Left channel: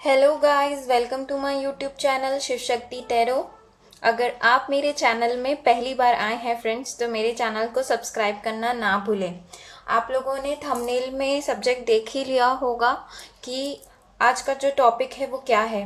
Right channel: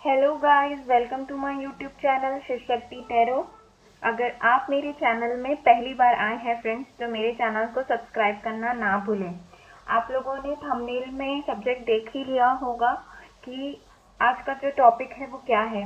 Hello guys, welcome to my YouTube channel Shiv Shakti tarot. अगर आप मेरे चैनल में पहली बार आए हैं फ्रेंड्स, तो मेरे चैनल को सब्सक्राइब करना ना भूलें। आप लोगों ने थंबनेल में सब्जेक्ट देख ही लिया होगा कि आज का जो टॉपिक है वो क्या है।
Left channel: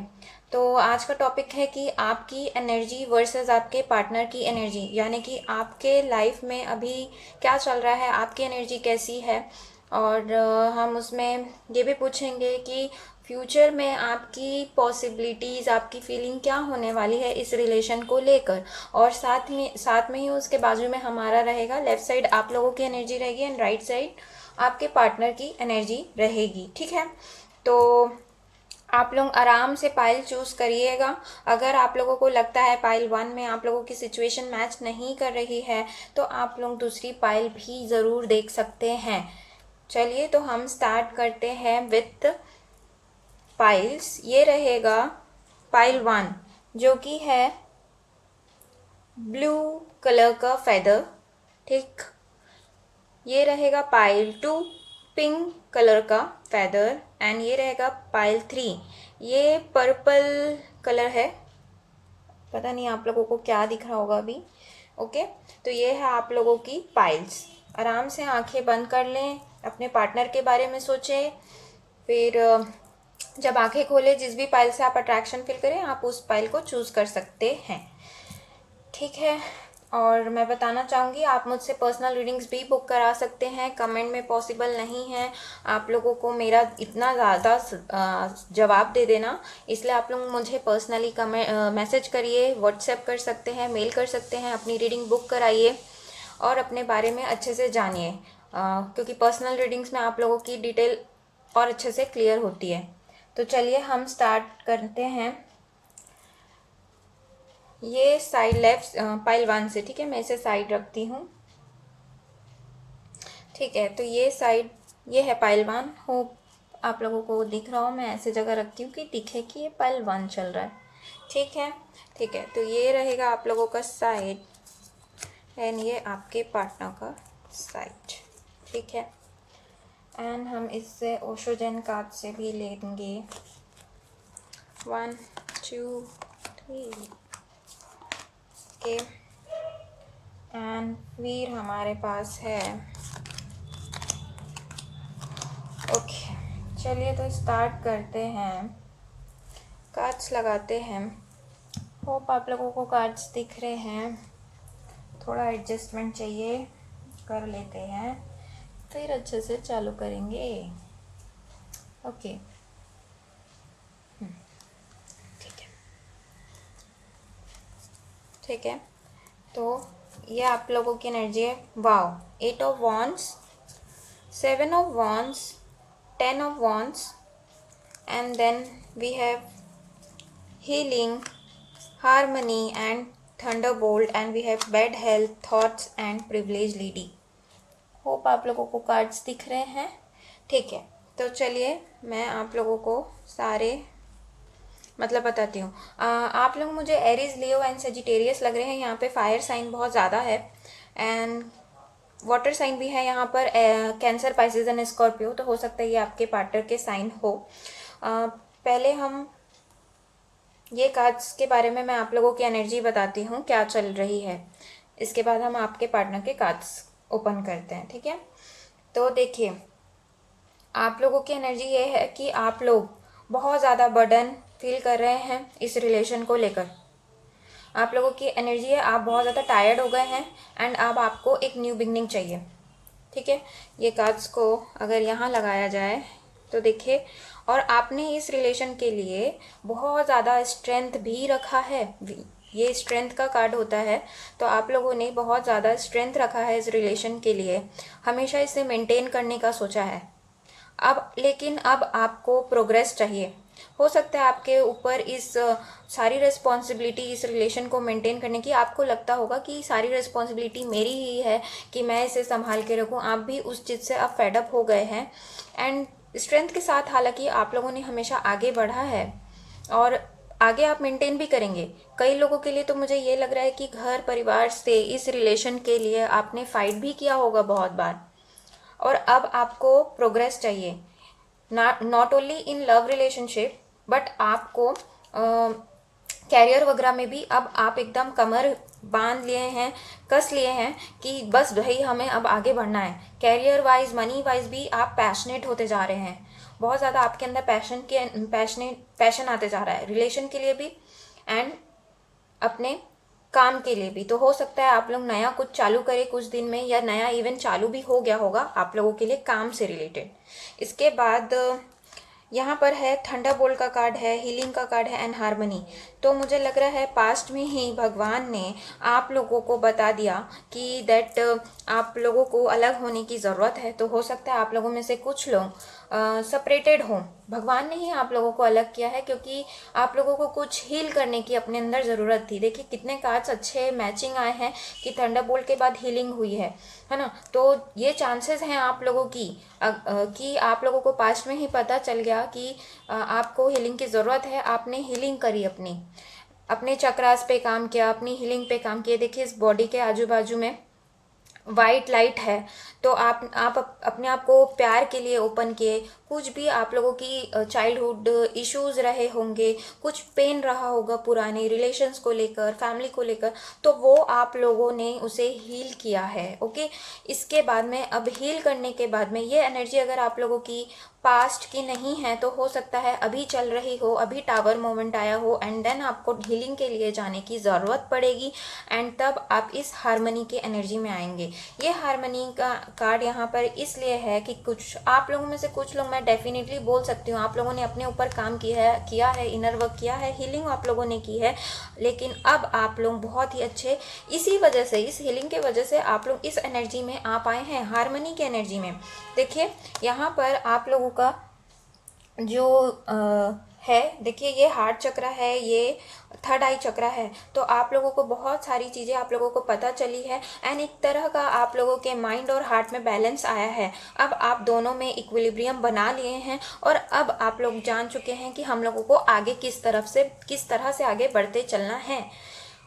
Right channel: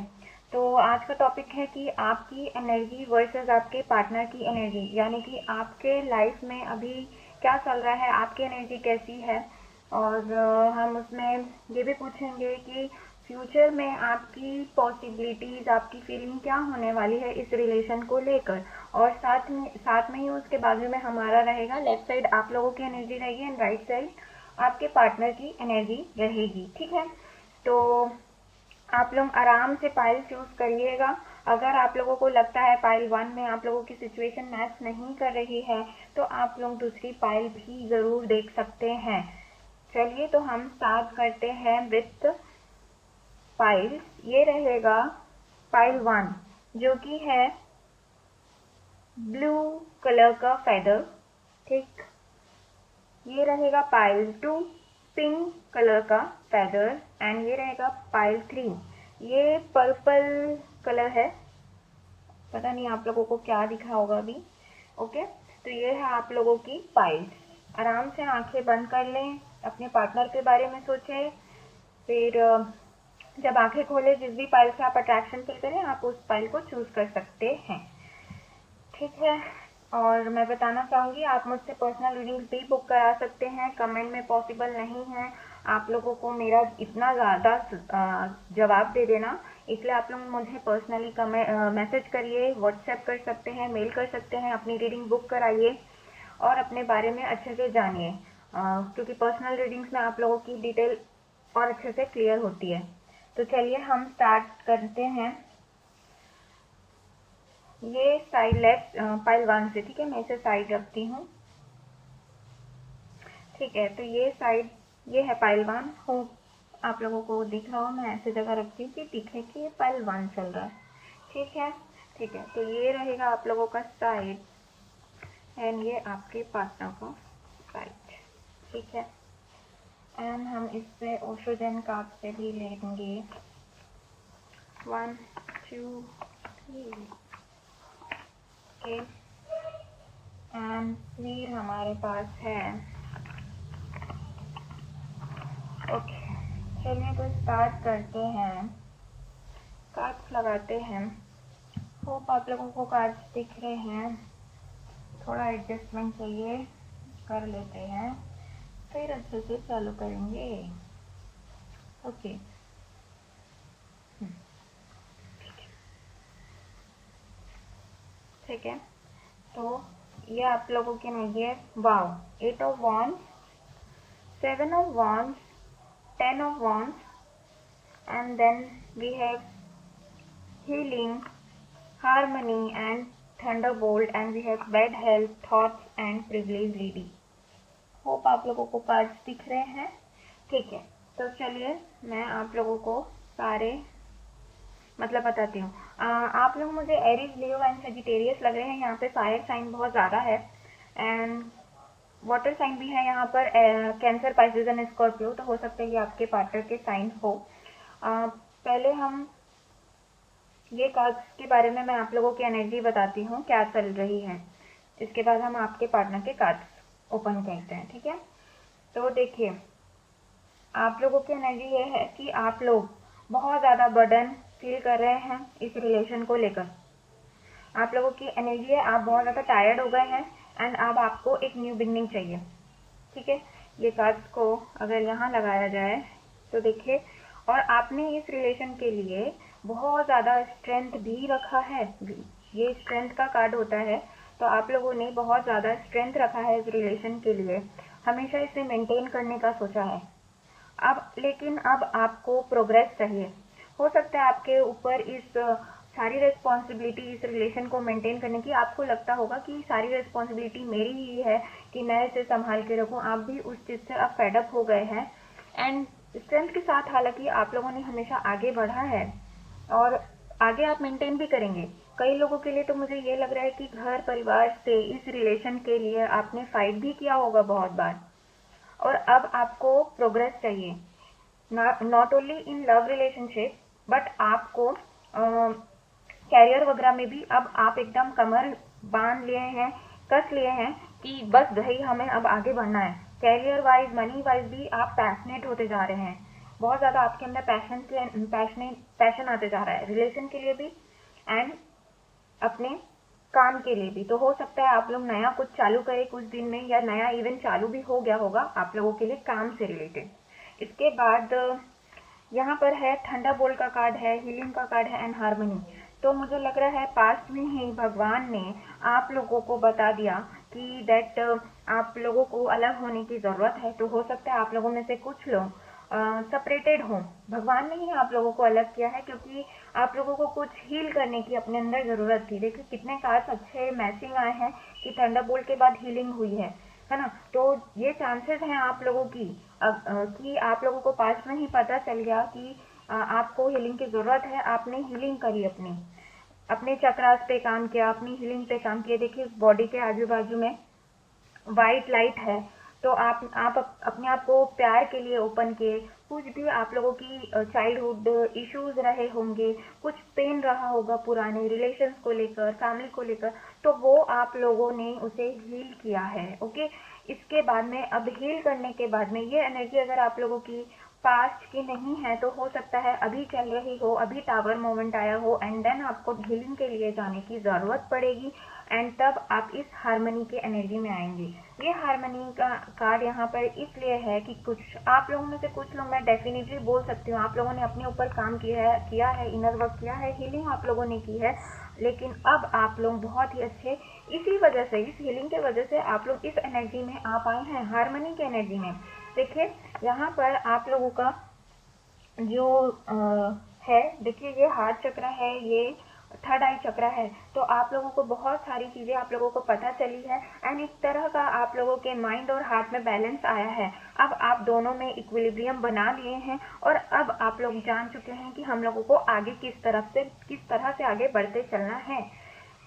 तो आज का टॉपिक है कि आपकी एनर्जी वर्सेस आपके पार्टनर की एनर्जी, यानी कि आपके लाइफ में अभी क्या चल रहा है, आपकी एनर्जी कैसी है। और हम उसमें ये भी पूछेंगे कि फ्यूचर में आपकी पॉसिबिलिटीज़, आपकी फीलिंग क्या होने वाली है इस रिलेशन को लेकर। और साथ में ही उसके बाजू में हमारा रहेगा, लेफ्ट साइड आप लोगों की एनर्जी रहेगी एंड राइट साइड आपके पार्टनर की एनर्जी रहेगी। ठीक है, तो आप लोग आराम से पाइल चूज़ करिएगा। अगर आप लोगों को लगता है पाइल 1 में आप लोगों की सिचुएशन मैच नहीं कर रही है, तो आप लोग दूसरी पाइल भी ज़रूर देख सकते हैं। चलिए, तो हम स्टार्ट करते हैं विथ पाइल्स। ये रहेगा पाइल 1, जो कि है ब्लू कलर का फेदर। ठीक, ये रहेगा पाइल 2, पिंक कलर का फेदर। एंड ये रहेगा पाइल 3, ये पर्पल कलर है। पता नहीं आप लोगों को क्या दिख रहा होगा अभी। ओके, तो ये है आप लोगों की पाइल्स। आराम से आंखें बंद कर लें, अपने पार्टनर के बारे में सोचें। फिर जब आंखें खोलें, जिस भी पाइल से आप अट्रैक्शन फील करें, आप उस पाइल को चूज़ कर सकते हैं। ठीक है, और मैं बताना चाहूँगी आप मुझसे पर्सनल रीडिंग्स भी बुक करा सकते हैं। कमेंट में पॉसिबल नहीं है आप लोगों को मेरा इतना ज़्यादा जवाब दे देना, इसलिए आप लोग मुझे पर्सनली कमेंट मैसेज करिए, व्हाट्सएप कर सकते हैं, मेल कर सकते हैं, अपनी रीडिंग बुक कराइए और अपने बारे में अच्छे से जानिए, क्योंकि पर्सनल रीडिंग्स में आप लोगों की डिटेल और अच्छे से क्लियर होती है। तो चलिए हम स्टार्ट करते हैं। ये साइड लेफ्ट पाइल 1 से, ठीक है, मैं इसे साइड रखती हूँ। ठीक है, तो ये साइड, ये है पाइल 1। होप आप लोगों को दिख रहा हो, मैं ऐसे जगह रखती हूँ कि दिखे कि ये पाइल 1 चल रहा है। ठीक है, ठीक है, तो ये रहेगा आप लोगों का साइड एंड ये आपके पार्टनर का साइड। ठीक है, एंड हम इससे ओशोजन कार्ड से भी लेंगे 1 2 3। ओके, एंड फिर हमारे पास है। ओके, चलिए तो स्टार्ट करते हैं, कार्ड्स लगाते हैं। होप आप लोगों को कार्ड्स दिख रहे हैं। थोड़ा एडजस्टमेंट चाहिए, कर लेते हैं, फिर अच्छे से चालू करेंगे। ओके, ठीक है, ठीक है, तो ये आप लोगों की एनर्जी है। Wow, 8 of wands, 7 of wands, 10 of wands, and then we have healing, harmony and thunderbolt, and we have bad health, thoughts and privilege lady. Hope आप लोगों को कार्ड्स दिख रहे हैं। ठीक है, तो चलिए मैं आप लोगों को सारे मतलब बताती हूँ। आप लोग मुझे एरीज, लियो एंड सेजिटेरियस लग रहे हैं। यहाँ पे फायर साइन बहुत ज़्यादा है एंड वाटर साइन भी है यहाँ पर, कैंसर, पाइसेस एंड स्कॉर्पियो। तो हो सकता है ये आपके पार्टनर के साइन हो। पहले हम ये कार्ड्स के बारे में मैं आप लोगों की एनर्जी बताती हूँ क्या चल रही है। इसके बाद हम आपके पार्टनर के कार्ड्स ओपन करते हैं। ठीक है, तो देखिए आप लोगों की एनर्जी ये है कि आप लोग बहुत ज़्यादा बर्डन फील कर रहे हैं इस रिलेशन को लेकर। आप लोगों की एनर्जी है, आप बहुत ज़्यादा टायर्ड हो गए हैं एंड अब आपको एक न्यू बिगनिंग चाहिए। ठीक है, ये कार्ड्स को अगर यहाँ लगाया जाए तो देखिए, और आपने इस रिलेशन के लिए बहुत ज़्यादा स्ट्रेंथ भी रखा है। ये स्ट्रेंथ का कार्ड होता है, तो आप लोगों ने बहुत ज़्यादा स्ट्रेंथ रखा है इस रिलेशन के लिए, हमेशा इसे मेंटेन करने का सोचा है। लेकिन अब आपको प्रोग्रेस चाहिए। हो सकता है आपके ऊपर इस सारी रिस्पॉन्सिबिलिटी, इस रिलेशन को मेंटेन करने की, आपको लगता होगा कि सारी रिस्पॉन्सिबिलिटी मेरी ही है कि मैं इसे संभाल के रखूं। आप भी उस चीज़ से आप फेड अप हो गए हैं एंड स्ट्रेंथ के साथ हालांकि आप लोगों ने हमेशा आगे बढ़ा है और आगे आप मेंटेन भी करेंगे। कई लोगों के लिए तो मुझे ये लग रहा है कि घर परिवार से इस रिलेशन के लिए आपने फाइट भी किया होगा बहुत बार, और अब आपको प्रोग्रेस चाहिए। Not only in love relationship, but आपको कैरियर वगैरह में भी अब आप एकदम कमर बांध लिए हैं, कस लिए हैं कि बस भाई हमें अब आगे बढ़ना है। कैरियर वाइज, मनी वाइज भी आप पैशनेट होते जा रहे हैं, बहुत ज़्यादा आपके अंदर पैशन आते जा रहा है, रिलेशन के लिए भी एंड अपने काम के लिए भी। तो हो सकता है आप लोग नया कुछ चालू करें कुछ दिन में, या नया इवेंट चालू भी हो गया होगा आप लोगों के लिए काम से रिलेटेड। इसके बाद यहाँ पर है थंडरबोल्ट का कार्ड है, हीलिंग का कार्ड है एंड हार्मनी। तो मुझे लग रहा है पास्ट में ही भगवान ने आप लोगों को बता दिया कि दैट आप लोगों को अलग होने की ज़रूरत है। तो हो सकता है आप लोगों में से कुछ लोग सेपरेटेड हों। भगवान ने ही आप लोगों को अलग किया है क्योंकि आप लोगों को कुछ हील करने की अपने अंदर ज़रूरत थी। देखिए कितने कार्ड्स अच्छे मैचिंग आए हैं कि थंडरबोल्ट के बाद हीलिंग हुई है ना। तो ये चांसेस हैं आप लोगों की कि आप लोगों को पास्ट में ही पता चल गया कि आपको हीलिंग की ज़रूरत है। आपने हीलिंग करी, अपने चक्रास पे काम किया, अपनी हीलिंग पे काम किया। देखिए इस बॉडी के आजू बाजू में वाइट लाइट है, तो आप अपने आप को प्यार के लिए ओपन किए। कुछ भी आप लोगों की चाइल्डहुड इश्यूज रहे होंगे, कुछ पेन रहा होगा पुराने रिलेशंस को लेकर, फैमिली को लेकर, तो वो आप लोगों ने उसे हील किया है। ओके, इसके बाद में अब हील करने के बाद में ये एनर्जी अगर आप लोगों की पास्ट की नहीं है तो हो सकता है अभी चल रही हो, अभी टावर मोमेंट आया हो एंड देन आपको हीलिंग के लिए जाने की ज़रूरत पड़ेगी एंड तब आप इस हार्मनी की एनर्जी में आएंगे। ये हार्मनी का कार्ड यहाँ पर इसलिए है कि कुछ आप लोगों में से कुछ लोग, मैं डेफिनेटली बोल सकती हूँ, आप लोगों ने अपने ऊपर काम किया है, इनर वर्क किया है, हीलिंग आप लोगों ने की है, लेकिन अब आप लोग बहुत ही अच्छे, इसी वजह से, इस हीलिंग के वजह से आप लोग इस एनर्जी में आ पाए हैं, हार्मनी की एनर्जी में। देखिए यहाँ पर आप लोगों का जो है, देखिए ये हार्ट चक्र है, ये थर्ड आई चक्र है। तो आप लोगों को बहुत सारी चीज़ें आप लोगों को पता चली है एंड एक तरह का आप लोगों के माइंड और हार्ट में बैलेंस आया है। अब आप दोनों में इक्विलिब्रियम बना लिए हैं और अब आप लोग जान चुके हैं कि हम लोगों को आगे किस तरह से आगे बढ़ते चलना है।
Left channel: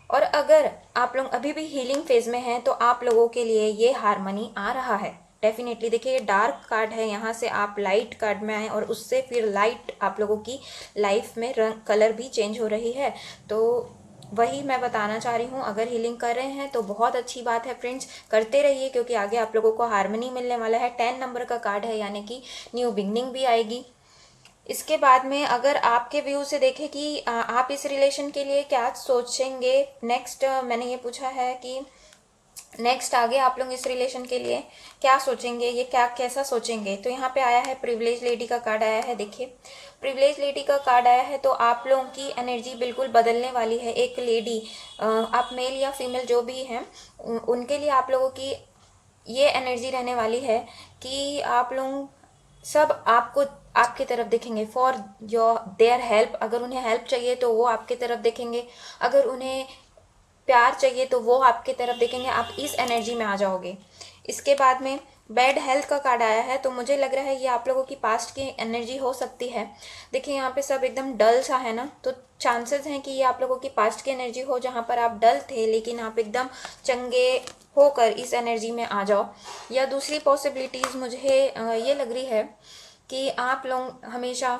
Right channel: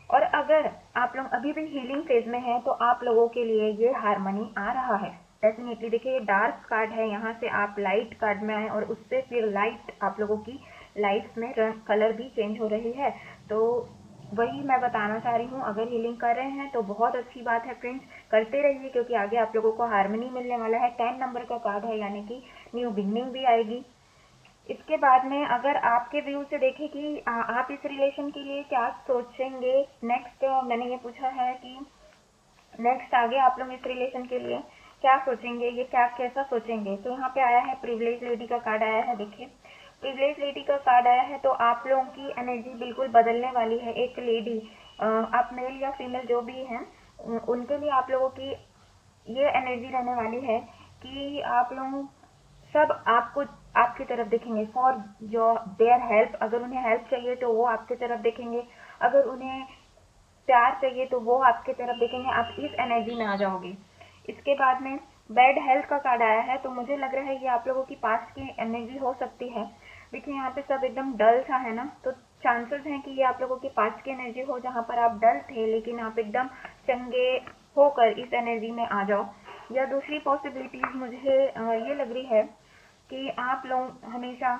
और अगर आप लोग अभी भी हीलिंग फेज में हैं तो आप लोगों के लिए ये हार्मनी आ रहा है डेफिनेटली। देखिए ये डार्क कार्ड है, यहाँ से आप लाइट कार्ड में आए और उससे फिर लाइट आप लोगों की लाइफ में रंग कलर भी चेंज हो रही है। तो वही मैं बताना चाह रही हूँ, अगर हीलिंग कर रहे हैं तो बहुत अच्छी बात है फ्रेंड्स, करते रहिए क्योंकि आगे आप लोगों को हार्मनी मिलने वाला है। 10 नंबर का कार्ड है यानी कि न्यू बिगनिंग भी आएगी। इसके बाद में अगर आपके व्यू से देखें कि आप इस रिलेशन के लिए क्या सोचेंगे नेक्स्ट, मैंने ये पूछा है कि नेक्स्ट आगे आप लोग इस रिलेशन के लिए क्या सोचेंगे, ये क्या कैसा सोचेंगे। तो यहाँ पे आया है प्रिविलेज लेडी का कार्ड आया है। देखिए प्रिविलेज लेडी का कार्ड आया है तो आप लोगों की एनर्जी बिल्कुल बदलने वाली है। एक लेडी, आप मेल या फीमेल जो भी हैं, उनके लिए आप लोगों की ये एनर्जी रहने वाली है कि आप लोग सब आपको आपकी तरफ देखेंगे फॉर योर देयर हेल्प। अगर उन्हें हेल्प चाहिए तो वो आपकी तरफ देखेंगे, अगर उन्हें प्यार चाहिए तो वो आपकी तरफ देखेंगे। आप इस एनर्जी में आ जाओगे। इसके बाद में बैड हेल्थ का कार्ड आया है तो मुझे लग रहा है ये आप लोगों की पास्ट की एनर्जी हो सकती है। देखिए यहाँ पे सब एकदम डल सा है ना, तो चांसेस हैं कि ये आप लोगों की पास्ट की एनर्जी हो जहाँ पर आप डल थे लेकिन आप एकदम चंगे होकर इस एनर्जी में आ जाओ। या दूसरी पॉसिबिलिटीज़ मुझे ये लग रही है कि आप लोग हमेशा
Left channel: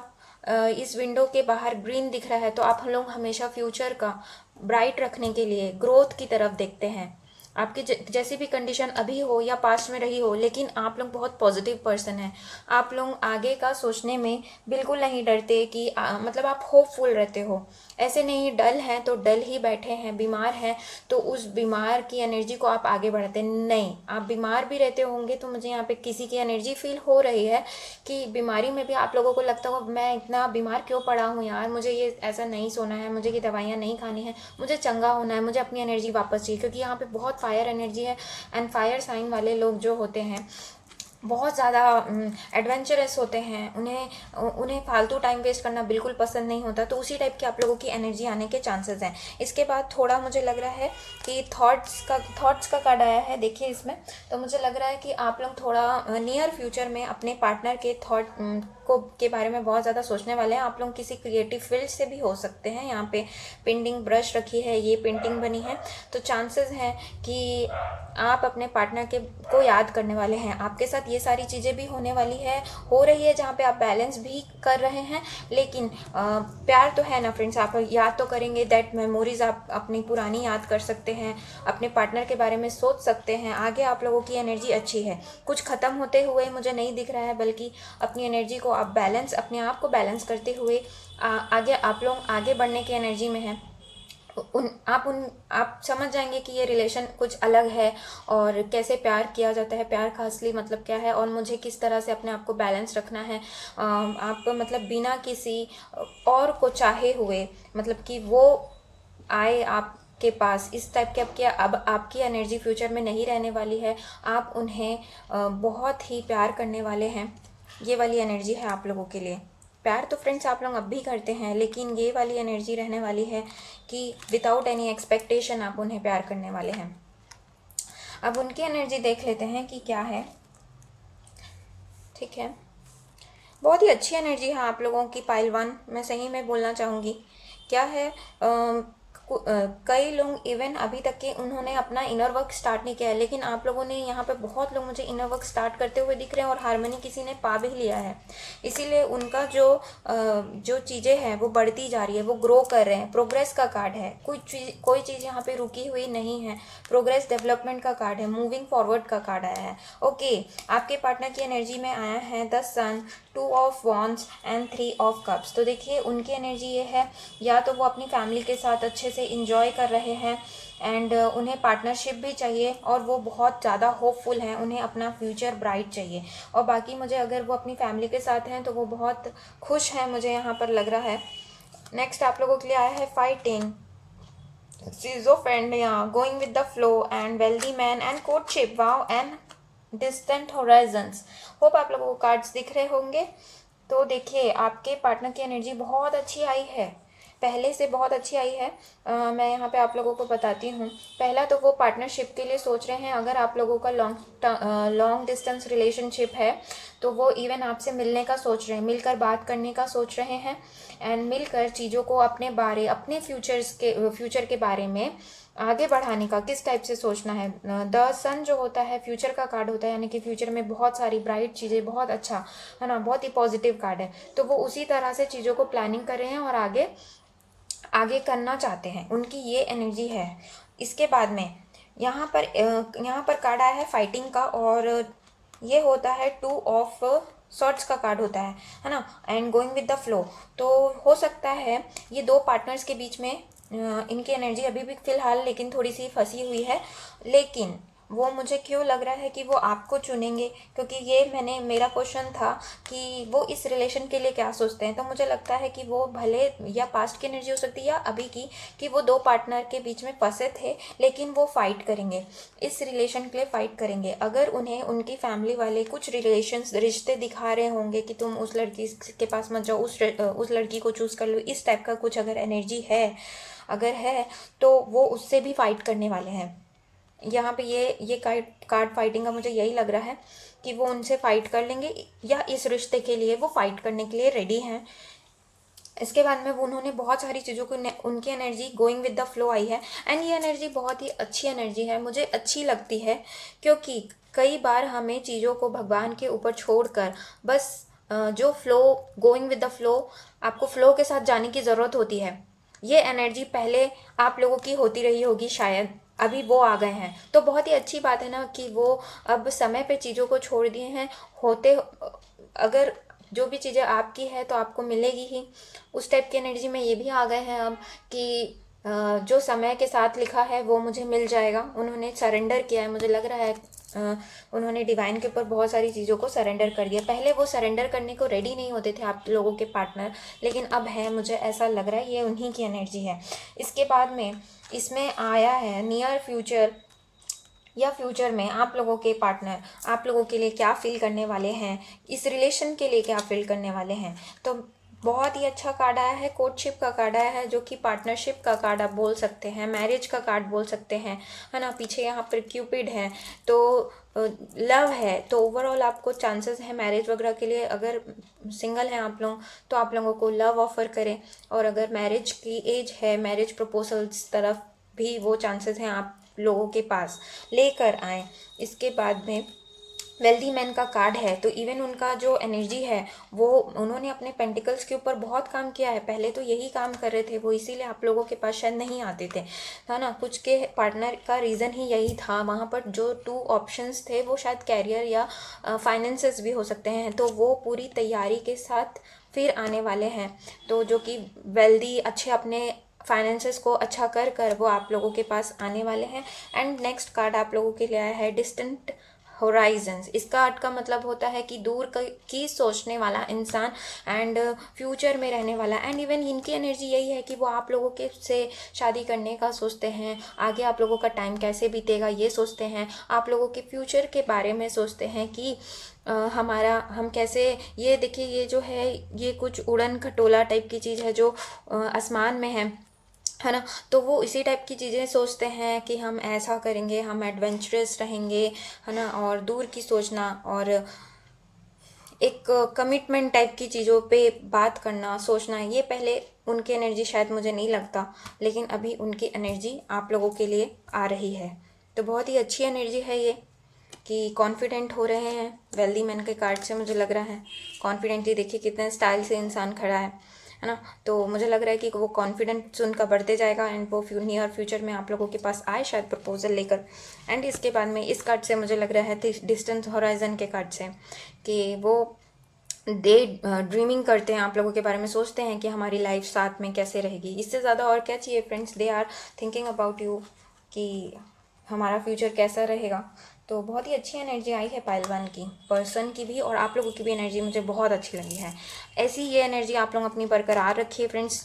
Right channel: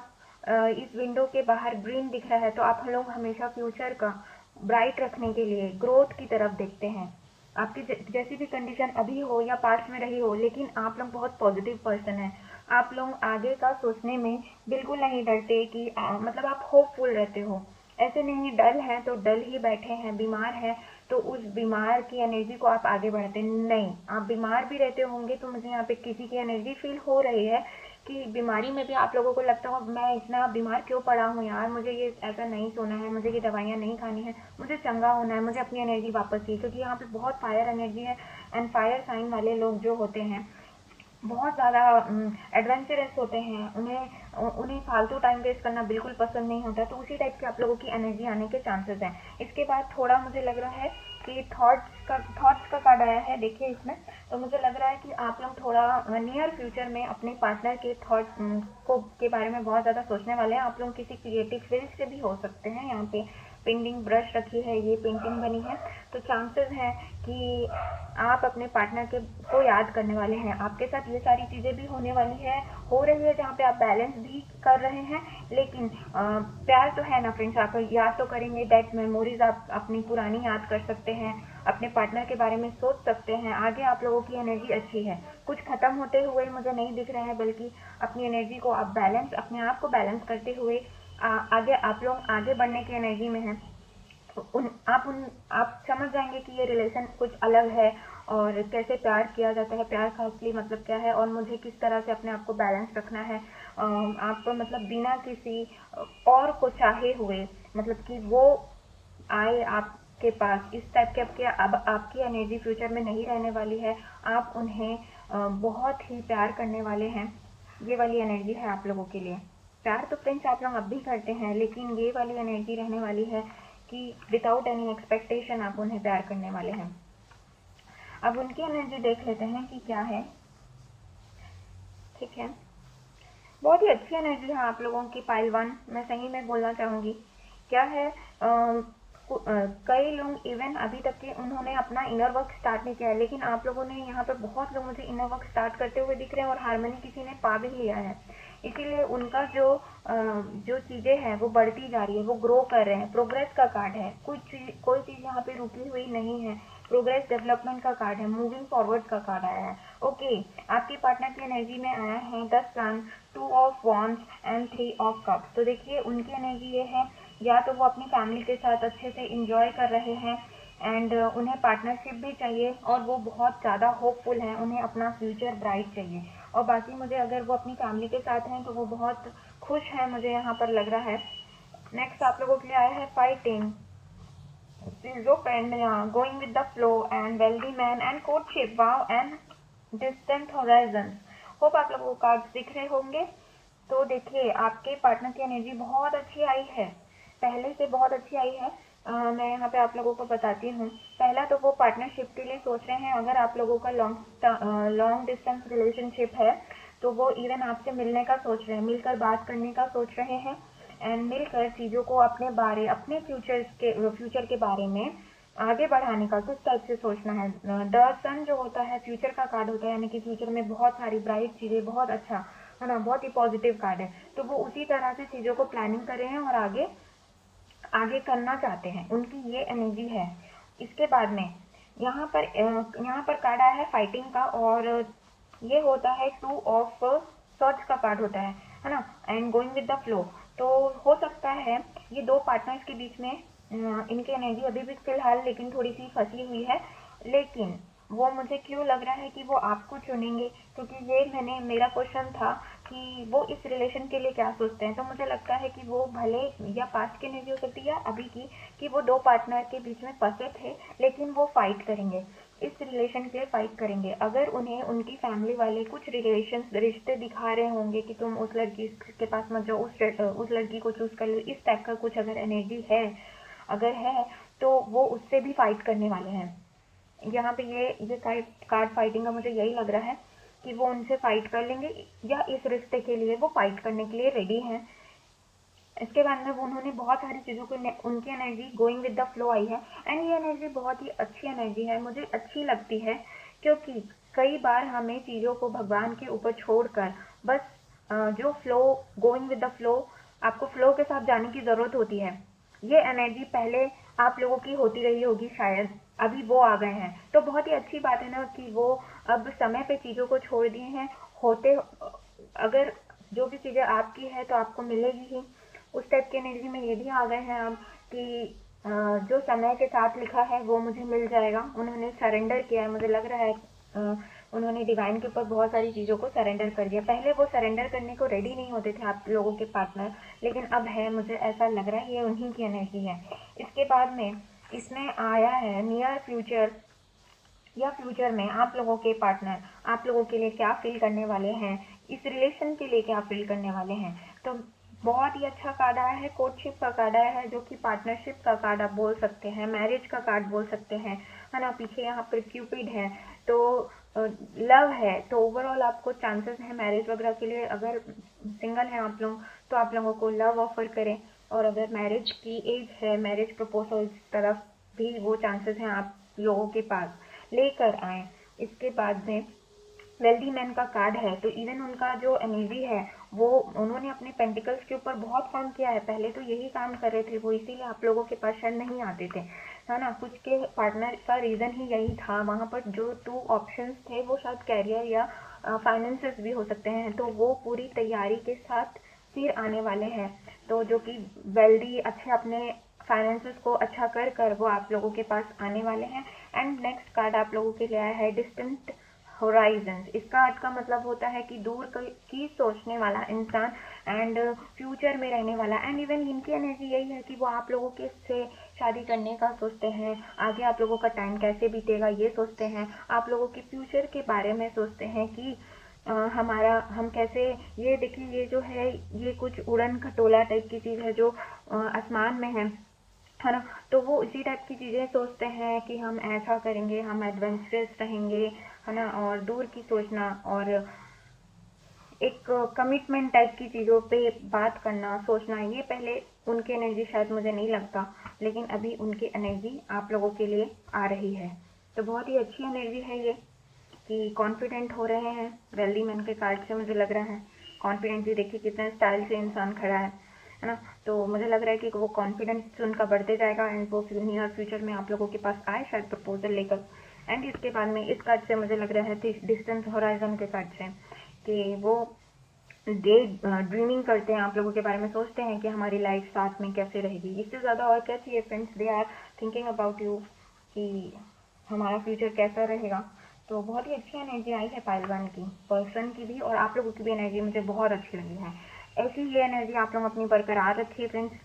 इस विंडो के बाहर ग्रीन दिख रहा है तो आप लोग हमेशा फ्यूचर का ब्राइट रखने के लिए ग्रोथ की तरफ देखते हैं। आपकी जैसी भी कंडीशन अभी हो या पास्ट में रही हो, लेकिन आप लोग बहुत पॉजिटिव पर्सन हैं। आप लोग आगे का सोचने में बिल्कुल नहीं डरते कि मतलब आप होपफुल रहते हो। ऐसे नहीं डल हैं तो डल ही बैठे हैं, बीमार हैं तो उस बीमार की एनर्जी को आप आगे बढ़ाते नहीं। आप बीमार भी रहते होंगे तो मुझे यहाँ पे किसी की एनर्जी फील हो रही है कि बीमारी में भी आप लोगों को लगता होगा मैं इतना बीमार क्यों पड़ा हूँ यार, मुझे ये ऐसा नहीं सोना है, मुझे ये दवाइयाँ नहीं खानी है, मुझे चंगा होना है, मुझे अपनी एनर्जी वापस चाहिए। क्योंकि यहाँ पे बहुत फायर एनर्जी है एंड फायर साइन वाले लोग जो होते हैं बहुत ज़्यादा एडवेंचरस होते हैं, उन्हें फालतू टाइम वेस्ट करना बिल्कुल पसंद नहीं होता। तो उसी टाइप की आप लोगों की एनर्जी आने के चांसेस हैं। इसके बाद थोड़ा मुझे लग रहा है कि थॉट्स का कार्ड आया है। देखिए इसमें तो मुझे लग रहा है कि आप लोग थोड़ा नियर फ्यूचर में अपने पार्टनर के को के बारे में बहुत ज़्यादा सोचने वाले हैं। आप लोग किसी क्रिएटिव फील्ड से भी हो सकते हैं। यहाँ पे पेंटिंग ब्रश रखी है, ये पेंटिंग बनी है, तो चांसेस हैं कि आप अपने पार्टनर के को याद करने वाले हैं। आपके साथ ये सारी चीज़ें भी होने वाली है, हो रही है, जहाँ पे आप बैलेंस भी कर रहे हैं। लेकिन प्यार तो है ना फ्रेंड्स, आप याद तो करेंगे। दैट मेमोरीज आप अपनी पुरानी याद कर सकते हैं, अपने पार्टनर के बारे में सोच सकते हैं। आगे आप लोगों की एनर्जी अच्छी है, कुछ ख़त्म होते हुए मुझे नहीं दिख रहा है, बल्कि अपनी एनर्जी को आप बैलेंस, अपने आप को बैलेंस करते हुए आगे आप लोग आगे बढ़ने की एनर्जी में हैं। आप समझ जाएंगे कि ये रिलेशन कुछ अलग है और कैसे प्यार किया जाता है, प्यार का असली मतलब क्या है, और मुझे किस तरह से अपने आप को बैलेंस रखना है। आप मतलब बिना किसी और को चाहे हुए, मतलब कि वो आए आपके पास, इस टाइप के आपके अब आपकी एनर्जी फ्यूचर में नहीं रहने वाली है। आप उन्हें बहुत ही प्यार करने वाले हैं। ये वाली एनर्जी है आप लोगों के लिए। प्यार तो फ्रेंड्स आप लोग अब भी करते हैं, लेकिन ये वाली एनर्जी रहने वाली है कि विदाउट एनी एक्सपेक्टेशन आप उन्हें प्यार करने वाले हैं। अब उनकी एनर्जी देख लेते हैं कि क्या है। ठीक है, बहुत ही अच्छी एनर्जी है आप लोगों की पाइल 1, मैं सही में बोलना चाहूँगी। क्या है, कई लोग इवन अभी तक के उन्होंने अपना इनर वर्क स्टार्ट नहीं किया है, लेकिन आप लोगों ने यहाँ पे बहुत लोग मुझे इनर वर्क स्टार्ट करते हुए दिख रहे हैं और हार्मनी किसी ने पा भी लिया है। इसीलिए उनका जो चीज़ें हैं वो बढ़ती जा रही है, वो ग्रो कर रहे हैं। प्रोग्रेस का कार्ड है, कोई चीज़ यहाँ पे रुकी हुई नहीं है। प्रोग्रेस डेवलपमेंट का कार्ड है, मूविंग फॉरवर्ड का कार्ड आया है। ओके, आपके पार्टनर की एनर्जी में आया है the sun, 2 of wands and 3 of cups. तो देखिए उनकी एनर्जी ये है, या तो वो अपनी फैमिली के साथ अच्छे से इंजॉय कर रहे हैं एंड उन्हें पार्टनरशिप भी चाहिए, और वो बहुत ज़्यादा होपफुल हैं, उन्हें अपना फ्यूचर ब्राइट चाहिए। और बाकी मुझे अगर वो अपनी फैमिली के साथ हैं तो वो बहुत खुश हैं, मुझे यहाँ पर लग रहा है। नेक्स्ट आप लोगों के लिए आया है fighting, schizophrenia, going with the flow and wealthy man and courtship, wow and distant horizons। Hope आप लोगों को कार्ड्स दिख रहे होंगे। तो देखिए आपके पार्टनर की एनर्जी बहुत अच्छी आई है, पहले से बहुत अच्छी आई है। मैं यहाँ पे आप लोगों को बताती हूँ। पहला तो वो पार्टनरशिप के लिए सोच रहे हैं। अगर आप लोगों का लॉन्ग डिस्टेंस रिलेशनशिप है तो वो इवन आपसे मिलने का सोच रहे हैं, मिलकर बात करने का सोच रहे हैं एंड मिलकर चीज़ों को अपने फ्यूचर के बारे में आगे बढ़ाने का किस टाइप से सोचना है। द सन जो होता है फ्यूचर का कार्ड होता है, यानी कि फ्यूचर में बहुत सारी ब्राइट चीज़ें, बहुत अच्छा है ना, बहुत ही पॉजिटिव कार्ड है। तो वो उसी तरह से चीज़ों को प्लानिंग कर रहे हैं और आगे करना चाहते हैं, उनकी ये एनर्जी है। इसके बाद में यहाँ पर कार्ड आया है फाइटिंग का, और ये होता है 2 ऑफ सॉर्ड्स का कार्ड होता है ना, and going with the flow. तो हो सकता है ये दो पार्टनर्स के बीच में इनकी एनर्जी अभी भी फिलहाल लेकिन थोड़ी सी फंसी हुई है। लेकिन वो मुझे क्यों लग रहा है कि वो आपको चुनेंगे, क्योंकि ये मेरा क्वेश्चन था कि वो इस रिलेशन के लिए क्या सोचते हैं। तो मुझे लगता है कि वो भले या पास्ट की एनर्जी हो सकती है या अभी की, कि वो दो पार्टनर के बीच में फंसे थे, लेकिन वो फाइट करेंगे, इस रिलेशन के लिए फाइट करेंगे। अगर उन्हें उनकी फैमिली वाले कुछ रिश्ते दिखा रहे होंगे कि तुम उस लड़की के पास मत जाओ, उस लड़की को चूज़ कर लो, इस टाइप का कुछ अगर एनर्जी है, अगर है, तो वो उससे भी फाइट करने वाले हैं। यहाँ पे ये कार्ड फाइटिंग का मुझे यही लग रहा है कि वो उनसे फाइट कर लेंगे, या इस रिश्ते के लिए वो फाइट करने के लिए रेडी हैं। इसके बाद में उन्होंने बहुत सारी चीज़ों की उनकी energy going with the flow I है, एंड ये एनर्जी बहुत ही अच्छी एनर्जी है, मुझे अच्छी लगती है। क्योंकि कई बार हमें चीज़ों को भगवान के ऊपर छोड़कर बस जो flow, going with the flow, आपको फ्लो के साथ जाने की ज़रूरत होती है। ये एनर्जी पहले आप लोगों की होती रही होगी, शायद अभी वो आ गए हैं, तो बहुत ही अच्छी बात है ना कि वो अब समय पे चीज़ों को छोड़ दिए हैं। अगर जो भी चीज़ें आपकी है तो आपको मिलेगी ही, उस टाइप की एनर्जी में ये भी आ गए हैं अब कि जो समय के साथ लिखा है वो मुझे मिल जाएगा। उन्होंने सरेंडर किया है, मुझे लग रहा है उन्होंने डिवाइन के ऊपर बहुत सारी चीज़ों को सरेंडर कर दिया। पहले वो सरेंडर करने को रेडी नहीं होते थे आप लोगों के पार्टनर, लेकिन अब है, मुझे ऐसा लग रहा है ये उन्हीं की एनर्जी है। इसके बाद में इसमें आया है नियर फ्यूचर, या फ्यूचर में आप लोगों के पार्टनर आप लोगों के लिए क्या फील करने वाले हैं, इस रिलेशन के लिए क्या फील करने वाले हैं। तो बहुत ही अच्छा कार्ड आया है, कोर्टशिप का कार्ड आया है, जो कि पार्टनरशिप का कार्ड आप बोल सकते हैं, मैरिज का कार्ड बोल सकते हैं, है ना। पीछे यहाँ पर क्यूपिड है, तो लव है, तो ओवरऑल आपको चांसेस है मैरिज वगैरह के लिए। अगर सिंगल हैं आप लोग तो आप लोगों को लव ऑफर करें, और अगर मैरिज की एज है, मैरिज प्रपोजल्स तरफ भी वो चांसेस हैं आप लोगों के पास लेकर आए। इसके बाद में वेल्दी मैन का कार्ड है, तो इवन उनका जो एनर्जी है वो, उन्होंने अपने पेंटिकल्स के ऊपर बहुत काम किया है। पहले तो यही काम कर रहे थे वो, इसीलिए आप लोगों के पास शायद नहीं आते थे, है ना। कुछ के पार्टनर का रीज़न ही यही था, वहाँ पर जो 2 ऑप्शंस थे वो शायद कैरियर या फाइनेंसेस भी हो सकते हैं। तो वो पूरी तैयारी के साथ फिर आने वाले हैं, तो जो कि वेल्दी अच्छे अपने फाइनेंसेस को अच्छा कर कर वो आप लोगों के पास आने वाले हैं। एंड नेक्स्ट कार्ड आप लोगों के लिए आया है डिस्टेंट होराइजन्स। इसका अर्थ का मतलब होता है कि दूर की सोचने वाला इंसान एंड फ्यूचर में रहने वाला। एंड इवन इनकी एनर्जी यही है कि वो आप लोगों के से शादी करने का सोचते हैं, आगे आप लोगों का टाइम कैसे बीतेगा ये सोचते हैं, आप लोगों के फ्यूचर के बारे में सोचते हैं कि हम कैसे, ये देखिए ये जो है ये कुछ उड़न खटोला टाइप की चीज़ है जो आसमान में है ना। तो वो इसी टाइप की चीज़ें सोचते हैं कि हम ऐसा करेंगे, हम एडवेंचरस रहेंगे, है ना। और दूर की सोचना और एक कमिटमेंट टाइप की चीज़ों पे बात करना, सोचना, ये पहले उनकी एनर्जी शायद मुझे नहीं लगता, लेकिन अभी उनकी एनर्जी आप लोगों के लिए आ रही है। तो बहुत ही अच्छी एनर्जी है ये, कि कॉन्फिडेंट हो रहे हैं। वेल्दी मैन के कार्ड से मुझे लग रहा है कॉन्फिडेंटली, देखिए कितने स्टाइल से इंसान खड़ा है ना। तो मुझे लग रहा है कि वो कॉन्फिडेंस उनका बढ़ते जाएगा एंड वो नियर फ्यूचर में आप लोगों के पास आए शायद प्रपोजल लेकर। एंड इसके बाद में इस कार्ड से मुझे लग रहा है डिस्टेंस होराइजन के कार्ड से कि वो ड्रीमिंग करते हैं, आप लोगों के बारे में सोचते हैं कि हमारी लाइफ साथ में कैसे रहेगी। इससे ज़्यादा और क्या चाहिए friends, they are thinking about you कि हमारा फ्यूचर कैसा रहेगा। तो बहुत ही अच्छी एनर्जी आई है पाइल 1 की, पर्सन की भी और आप लोगों की भी एनर्जी मुझे बहुत अच्छी लगी है। ऐसी ये एनर्जी आप लोग अपनी बरकरार रखिए फ्रेंड्स,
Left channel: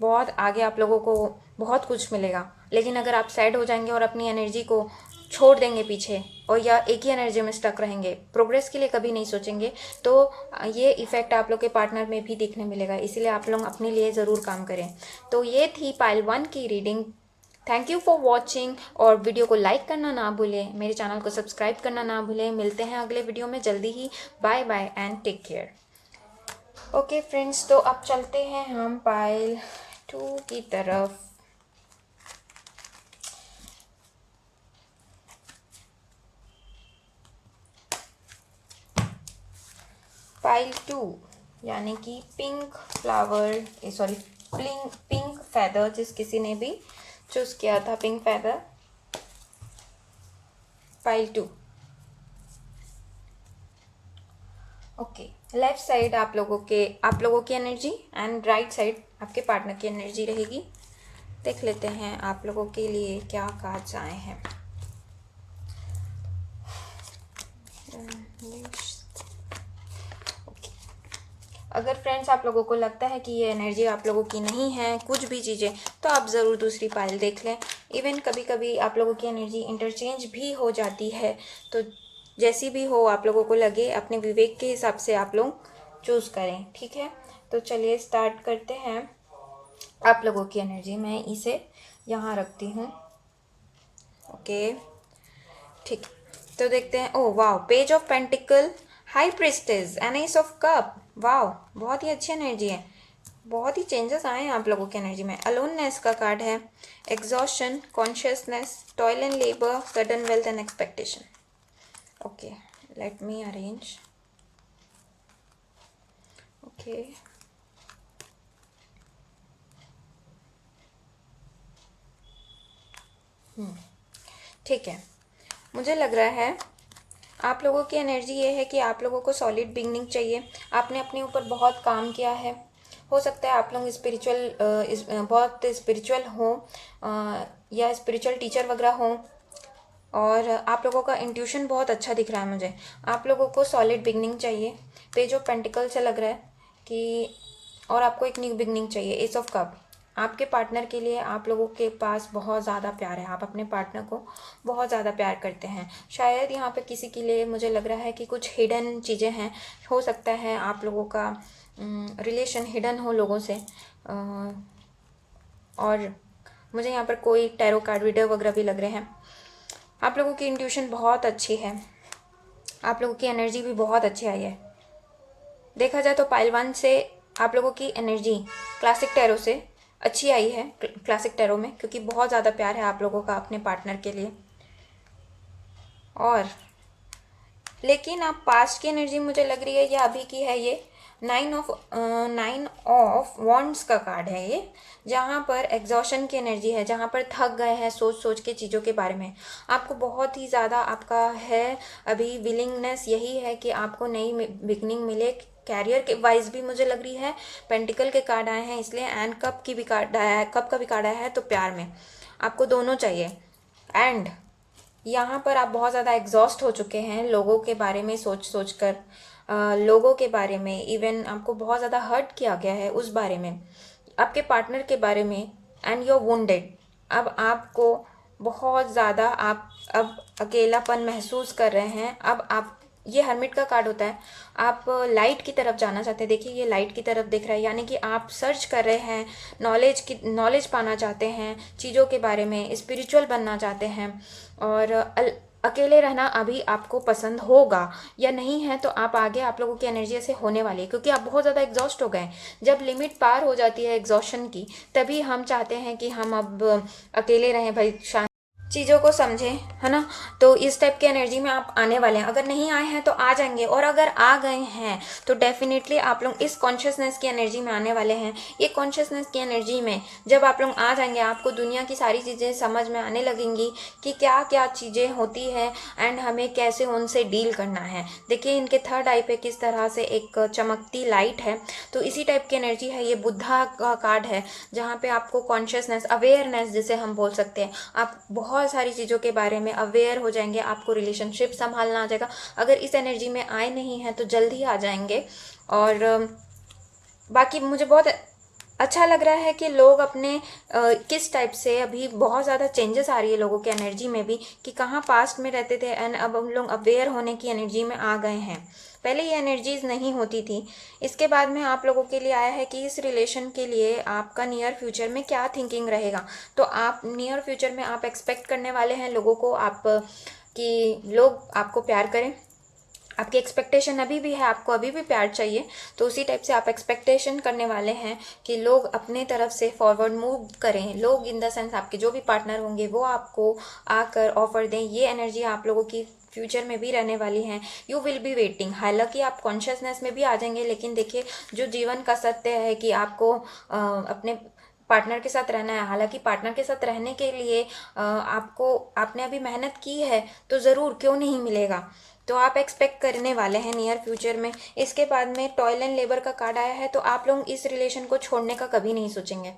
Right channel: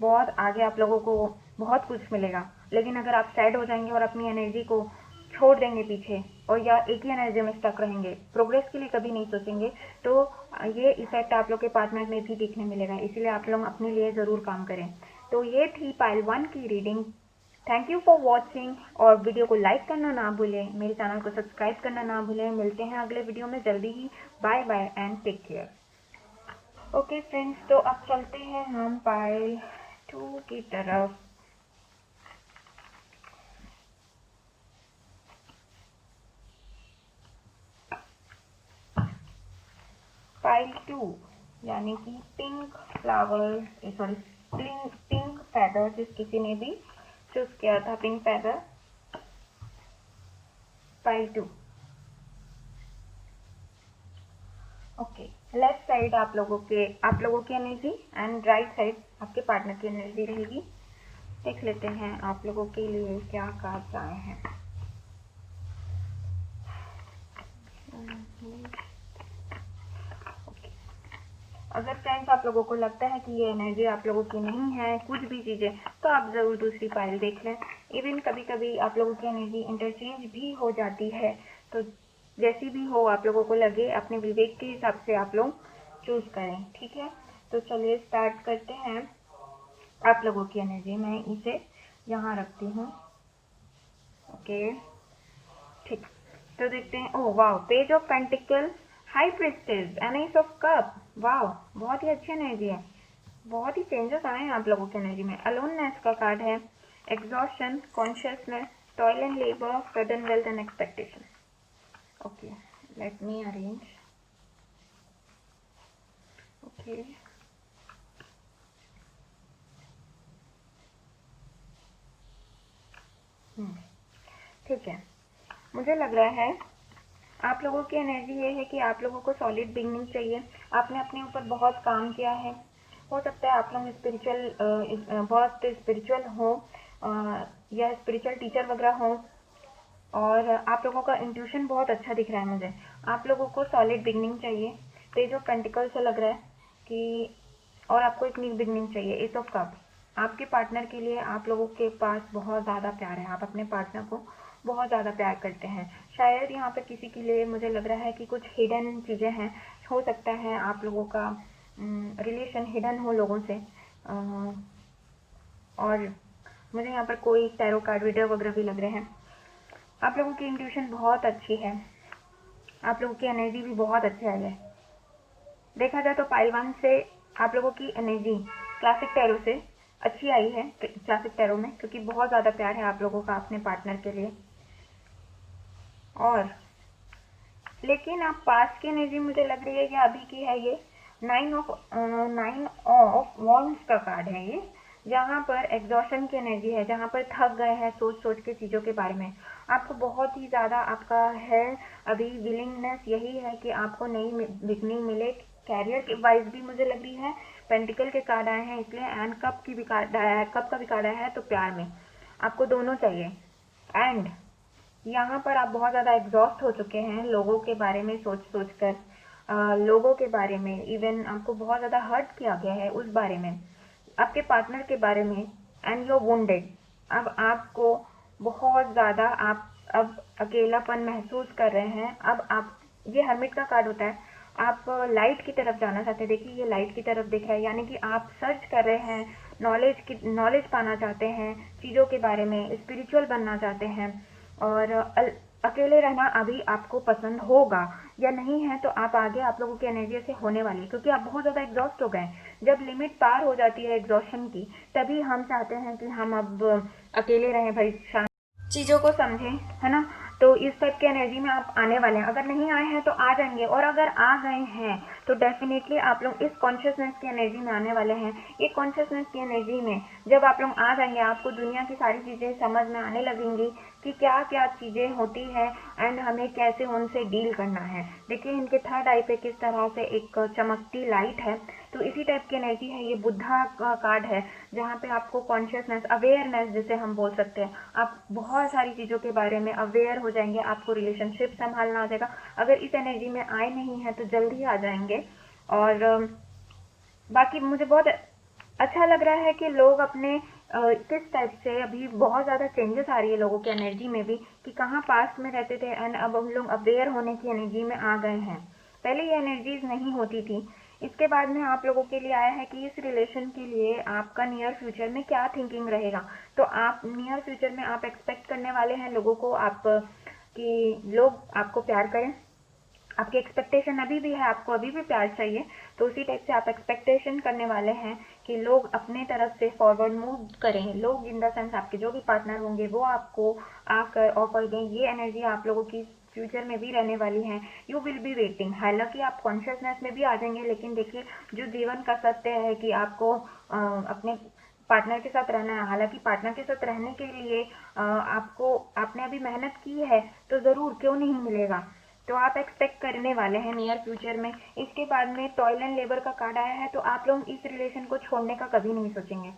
बहुत आगे आप लोगों को बहुत कुछ मिलेगा। लेकिन अगर आप सैड हो जाएंगे और अपनी एनर्जी को छोड़ देंगे पीछे, और या एक ही एनर्जी में स्टक रहेंगे, प्रोग्रेस के लिए कभी नहीं सोचेंगे, तो ये इफ़ेक्ट आप लोग के पार्टनर में भी दिखने मिलेगा। इसीलिए आप लोग अपने लिए ज़रूर काम करें। तो ये थी पाइल 1 की reading. Thank you for watching, और वीडियो को लाइक करना ना भूलें, मेरे चैनल को सब्सक्राइब करना ना भूलें। मिलते हैं अगले वीडियो में जल्दी ही। Bye bye and take care. Okay friends, तो अब चलते हैं हम पाइल 2 की तरफ। पाइल 2 यानी कि pink flower, sorry pink feather, जिस किसी ने भी चूज किया था pink feather, pile 2। Okay, left side आप लोगों की एनर्जी एंड राइट साइड आपके पार्टनर की एनर्जी रहेगी। देख लेते हैं आप लोगों के लिए क्या कार्ड्स आए हैं। अगर फ्रेंड्स आप लोगों को लगता है कि ये एनर्जी आप लोगों की नहीं है, कुछ भी चीज़ें, तो आप ज़रूर दूसरी पाइल देख लें। इवन कभी कभी आप लोगों की एनर्जी इंटरचेंज भी हो जाती है, तो जैसी भी हो आप लोगों को लगे, अपने विवेक के हिसाब से आप लोग चूज़ करें, ठीक है। तो चलिए स्टार्ट करते हैं आप लोगों की एनर्जी। मैं इसे यहाँ रखती हूँ, ओके ठीक। तो देखते हैं, ओह वाह, page of pentacle, high priestess and S of cup. वाह, बहुत ही अच्छी एनर्जी है, बहुत ही चेंजेस आए हैं आप लोगों की एनर्जी में। अलोननेस का कार्ड है, exhaustion, consciousness, toil and labour, sudden wealth and expectation. Okay, let me arrange. Okay, ठीक है। मुझे लग रहा है आप लोगों की एनर्जी ये है कि आप लोगों को सॉलिड बिगनिंग चाहिए। आपने अपने ऊपर बहुत काम किया है, हो सकता है आप लोग स्पिरिचुअल बहुत स्पिरिचुअल हो या स्पिरिचुअल टीचर वगैरह हो, और आप लोगों का इंट्यूशन बहुत अच्छा दिख रहा है मुझे। आप लोगों को सॉलिड बिगनिंग चाहिए, पेज ऑफ पेंटिकल से लग रहा है कि, और आपको एक न्यू बिगनिंग चाहिए, एस ऑफ कप। आपके पार्टनर के लिए आप लोगों के पास बहुत ज़्यादा प्यार है, आप अपने पार्टनर को बहुत ज़्यादा प्यार करते हैं। शायद यहाँ पे किसी के लिए मुझे लग रहा है कि कुछ हिडन चीज़ें हैं, हो सकता है आप लोगों का रिलेशन हिडन हो लोगों से, और मुझे यहाँ पर कोई टैरो कार्ड रीडर वगैरह भी लग रहे हैं। आप लोगों की इंट्यूशन बहुत अच्छी है, आप लोगों की एनर्जी भी बहुत अच्छी आई है। देखा जाए तो पाइल 1 से आप लोगों की एनर्जी क्लासिक टैरो से अच्छी आई है, क्लासिक टैरो में, क्योंकि बहुत ज़्यादा प्यार है आप लोगों का अपने पार्टनर के लिए। और लेकिन अब पास्ट की एनर्जी मुझे लग रही है, ये अभी की है, ये 9 ऑफ वॉन्ड्स का कार्ड है ये, जहाँ पर एग्जॉशन की एनर्जी है, जहाँ पर थक गए हैं सोच सोच के चीज़ों के बारे में। आपको बहुत ही ज़्यादा आपका है अभी विलिंगनेस, यही है कि आपको नई बिगनिंग मिले। कैरियर के वाइज भी मुझे लग रही है, पेंटिकल के कार्ड आए हैं इसलिए, एंड कप की भी कार्ड आया है, कप का भी कार्ड आया है, तो प्यार में आपको दोनों चाहिए। एंड यहाँ पर आप बहुत ज़्यादा एग्जॉस्ट हो चुके हैं लोगों के बारे में सोच सोच कर, लोगों के बारे में, इवन आपको बहुत ज़्यादा हर्ट किया गया है उस बारे में, आपके पार्टनर के बारे में, एंड यू आर वुंडेड। अब आपको बहुत ज़्यादा आप अब अकेलापन महसूस कर रहे हैं। अब आप, ये हर्मिट का कार्ड होता है, आप लाइट की तरफ जाना चाहते हैं। देखिए ये लाइट की तरफ दिख रहा है, यानी कि आप सर्च कर रहे हैं, नॉलेज पाना चाहते हैं चीज़ों के बारे में, स्पिरिचुअल बनना चाहते हैं। और अकेले रहना अभी आपको पसंद होगा या नहीं है, तो आप आगे आप लोगों की एनर्जी ऐसे होने वाली है, क्योंकि आप बहुत ज़्यादा एग्जॉस्ट हो गए। जब लिमिट पार हो जाती है एग्जॉशन की, तभी हम चाहते हैं कि हम अब अकेले रहें भाई, चीज़ों को समझें, है ना। तो इस टाइप की एनर्जी में आप आने वाले हैं। अगर नहीं आए हैं तो आ जाएंगे, और अगर आ गए हैं तो डेफिनेटली आप लोग इस कॉन्शियसनेस की एनर्जी में आने वाले हैं। ये कॉन्शियसनेस की एनर्जी में जब आप लोग आ जाएंगे, आपको दुनिया की सारी चीज़ें समझ में आने लगेंगी कि क्या क्या चीज़ें होती हैं, एंड हमें कैसे उनसे डील करना है। देखिए इनके थर्ड आई पे किस तरह से एक चमकती लाइट है, तो इसी टाइप की एनर्जी है। ये बुद्धा का कार्ड है, जहाँ पे आपको कॉन्शियसनेस, अवेयरनेस जिसे हम बोल सकते हैं, आप बहुत सारी चीज़ों के बारे में अवेयर हो जाएंगे। आपको रिलेशनशिप संभालना आ जाएगा। अगर इस एनर्जी में आए नहीं हैं तो जल्दी आ जाएंगे। और बाकी मुझे बहुत अच्छा लग रहा है कि लोग अपने किस टाइप से, अभी बहुत ज़्यादा चेंजेस आ रही है लोगों के एनर्जी में भी, कि कहाँ पास्ट में रहते थे एंड अब हम लोग अवेयर होने की एनर्जी में आ गए हैं। पहले ये एनर्जीज नहीं होती थी। इसके बाद में आप लोगों के लिए आया है कि इस रिलेशन के लिए आपका नियर फ्यूचर में क्या थिंकिंग रहेगा। तो आप नियर फ्यूचर में आप एक्सपेक्ट करने वाले हैं लोगों को, आप कि लोग आपको प्यार करें। आपकी एक्सपेक्टेशन अभी भी है, आपको अभी भी प्यार चाहिए, तो उसी टाइप से आप एक्सपेक्टेशन करने वाले हैं कि लोग अपने तरफ से फॉरवर्ड मूव करें। लोग इन द सेंस आपके जो भी पार्टनर होंगे वो आपको आकर ऑफर दें। ये एनर्जी आप लोगों की फ्यूचर में भी रहने वाली है। You will be waiting. हालांकि आप कॉन्शियसनेस में भी आ जाएंगे, लेकिन देखिए जो जीवन का सत्य है कि आपको अपने पार्टनर के साथ रहना है। हालांकि पार्टनर के साथ रहने के लिए आपने अभी मेहनत की है, तो ज़रूर क्यों नहीं मिलेगा। तो आप एक्सपेक्ट करने वाले हैं नियर फ्यूचर में। इसके बाद में टॉयल एंड लेबर का कार्ड आया है, तो आप लोग इस रिलेशन को छोड़ने का कभी नहीं सोचेंगे।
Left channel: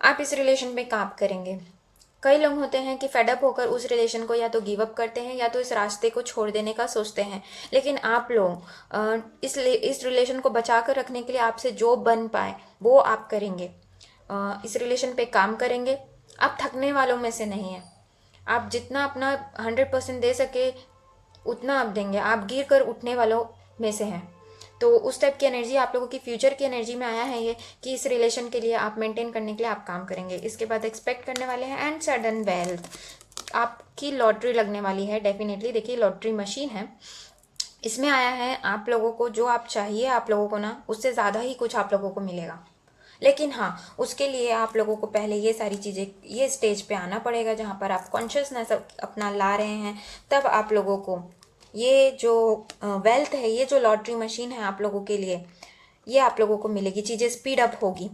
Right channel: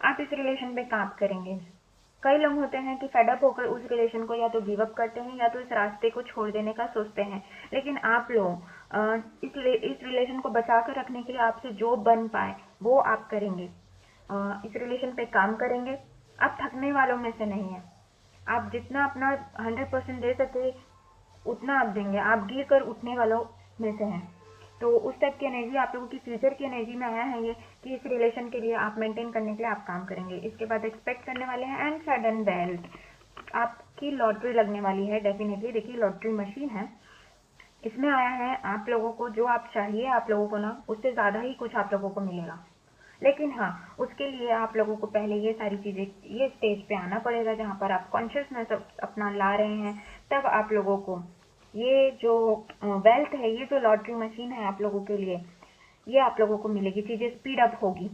आप इस रिलेशन में काम करेंगे। कई लोग होते हैं कि फेडअप होकर उस रिलेशन को या तो गिव अप करते हैं या तो इस रास्ते को छोड़ देने का सोचते हैं, लेकिन आप लोग इस रिलेशन को बचा कर रखने के लिए आपसे जो बन पाए वो आप करेंगे। इस रिलेशन पे काम करेंगे। आप थकने वालों में से नहीं है। आप जितना अपना 100% दे सके उतना आप देंगे। आप गिर कर उठने वालों में से हैं। तो उस टाइप की एनर्जी आप लोगों की फ्यूचर की एनर्जी में आया है ये, कि इस रिलेशन के लिए आप मेंटेन करने के लिए आप काम करेंगे। इसके बाद एक्सपेक्ट करने वाले हैं एंड सडन वेल्थ। आपकी लॉटरी लगने वाली है डेफिनेटली। देखिए लॉटरी मशीन है, इसमें आया है आप लोगों को जो आप चाहिए, आप लोगों को ना उससे ज़्यादा ही कुछ आप लोगों को मिलेगा। लेकिन हाँ, उसके लिए आप लोगों को पहले ये सारी चीज़ें, ये स्टेज पे आना पड़ेगा जहाँ पर आप कॉन्शियसनेस अपना ला रहे हैं। तब आप लोगों को ये जो वेल्थ है, ये जो लॉटरी मशीन है आप लोगों के लिए, ये आप लोगों को मिलेगी। चीज़ें स्पीड अप होगी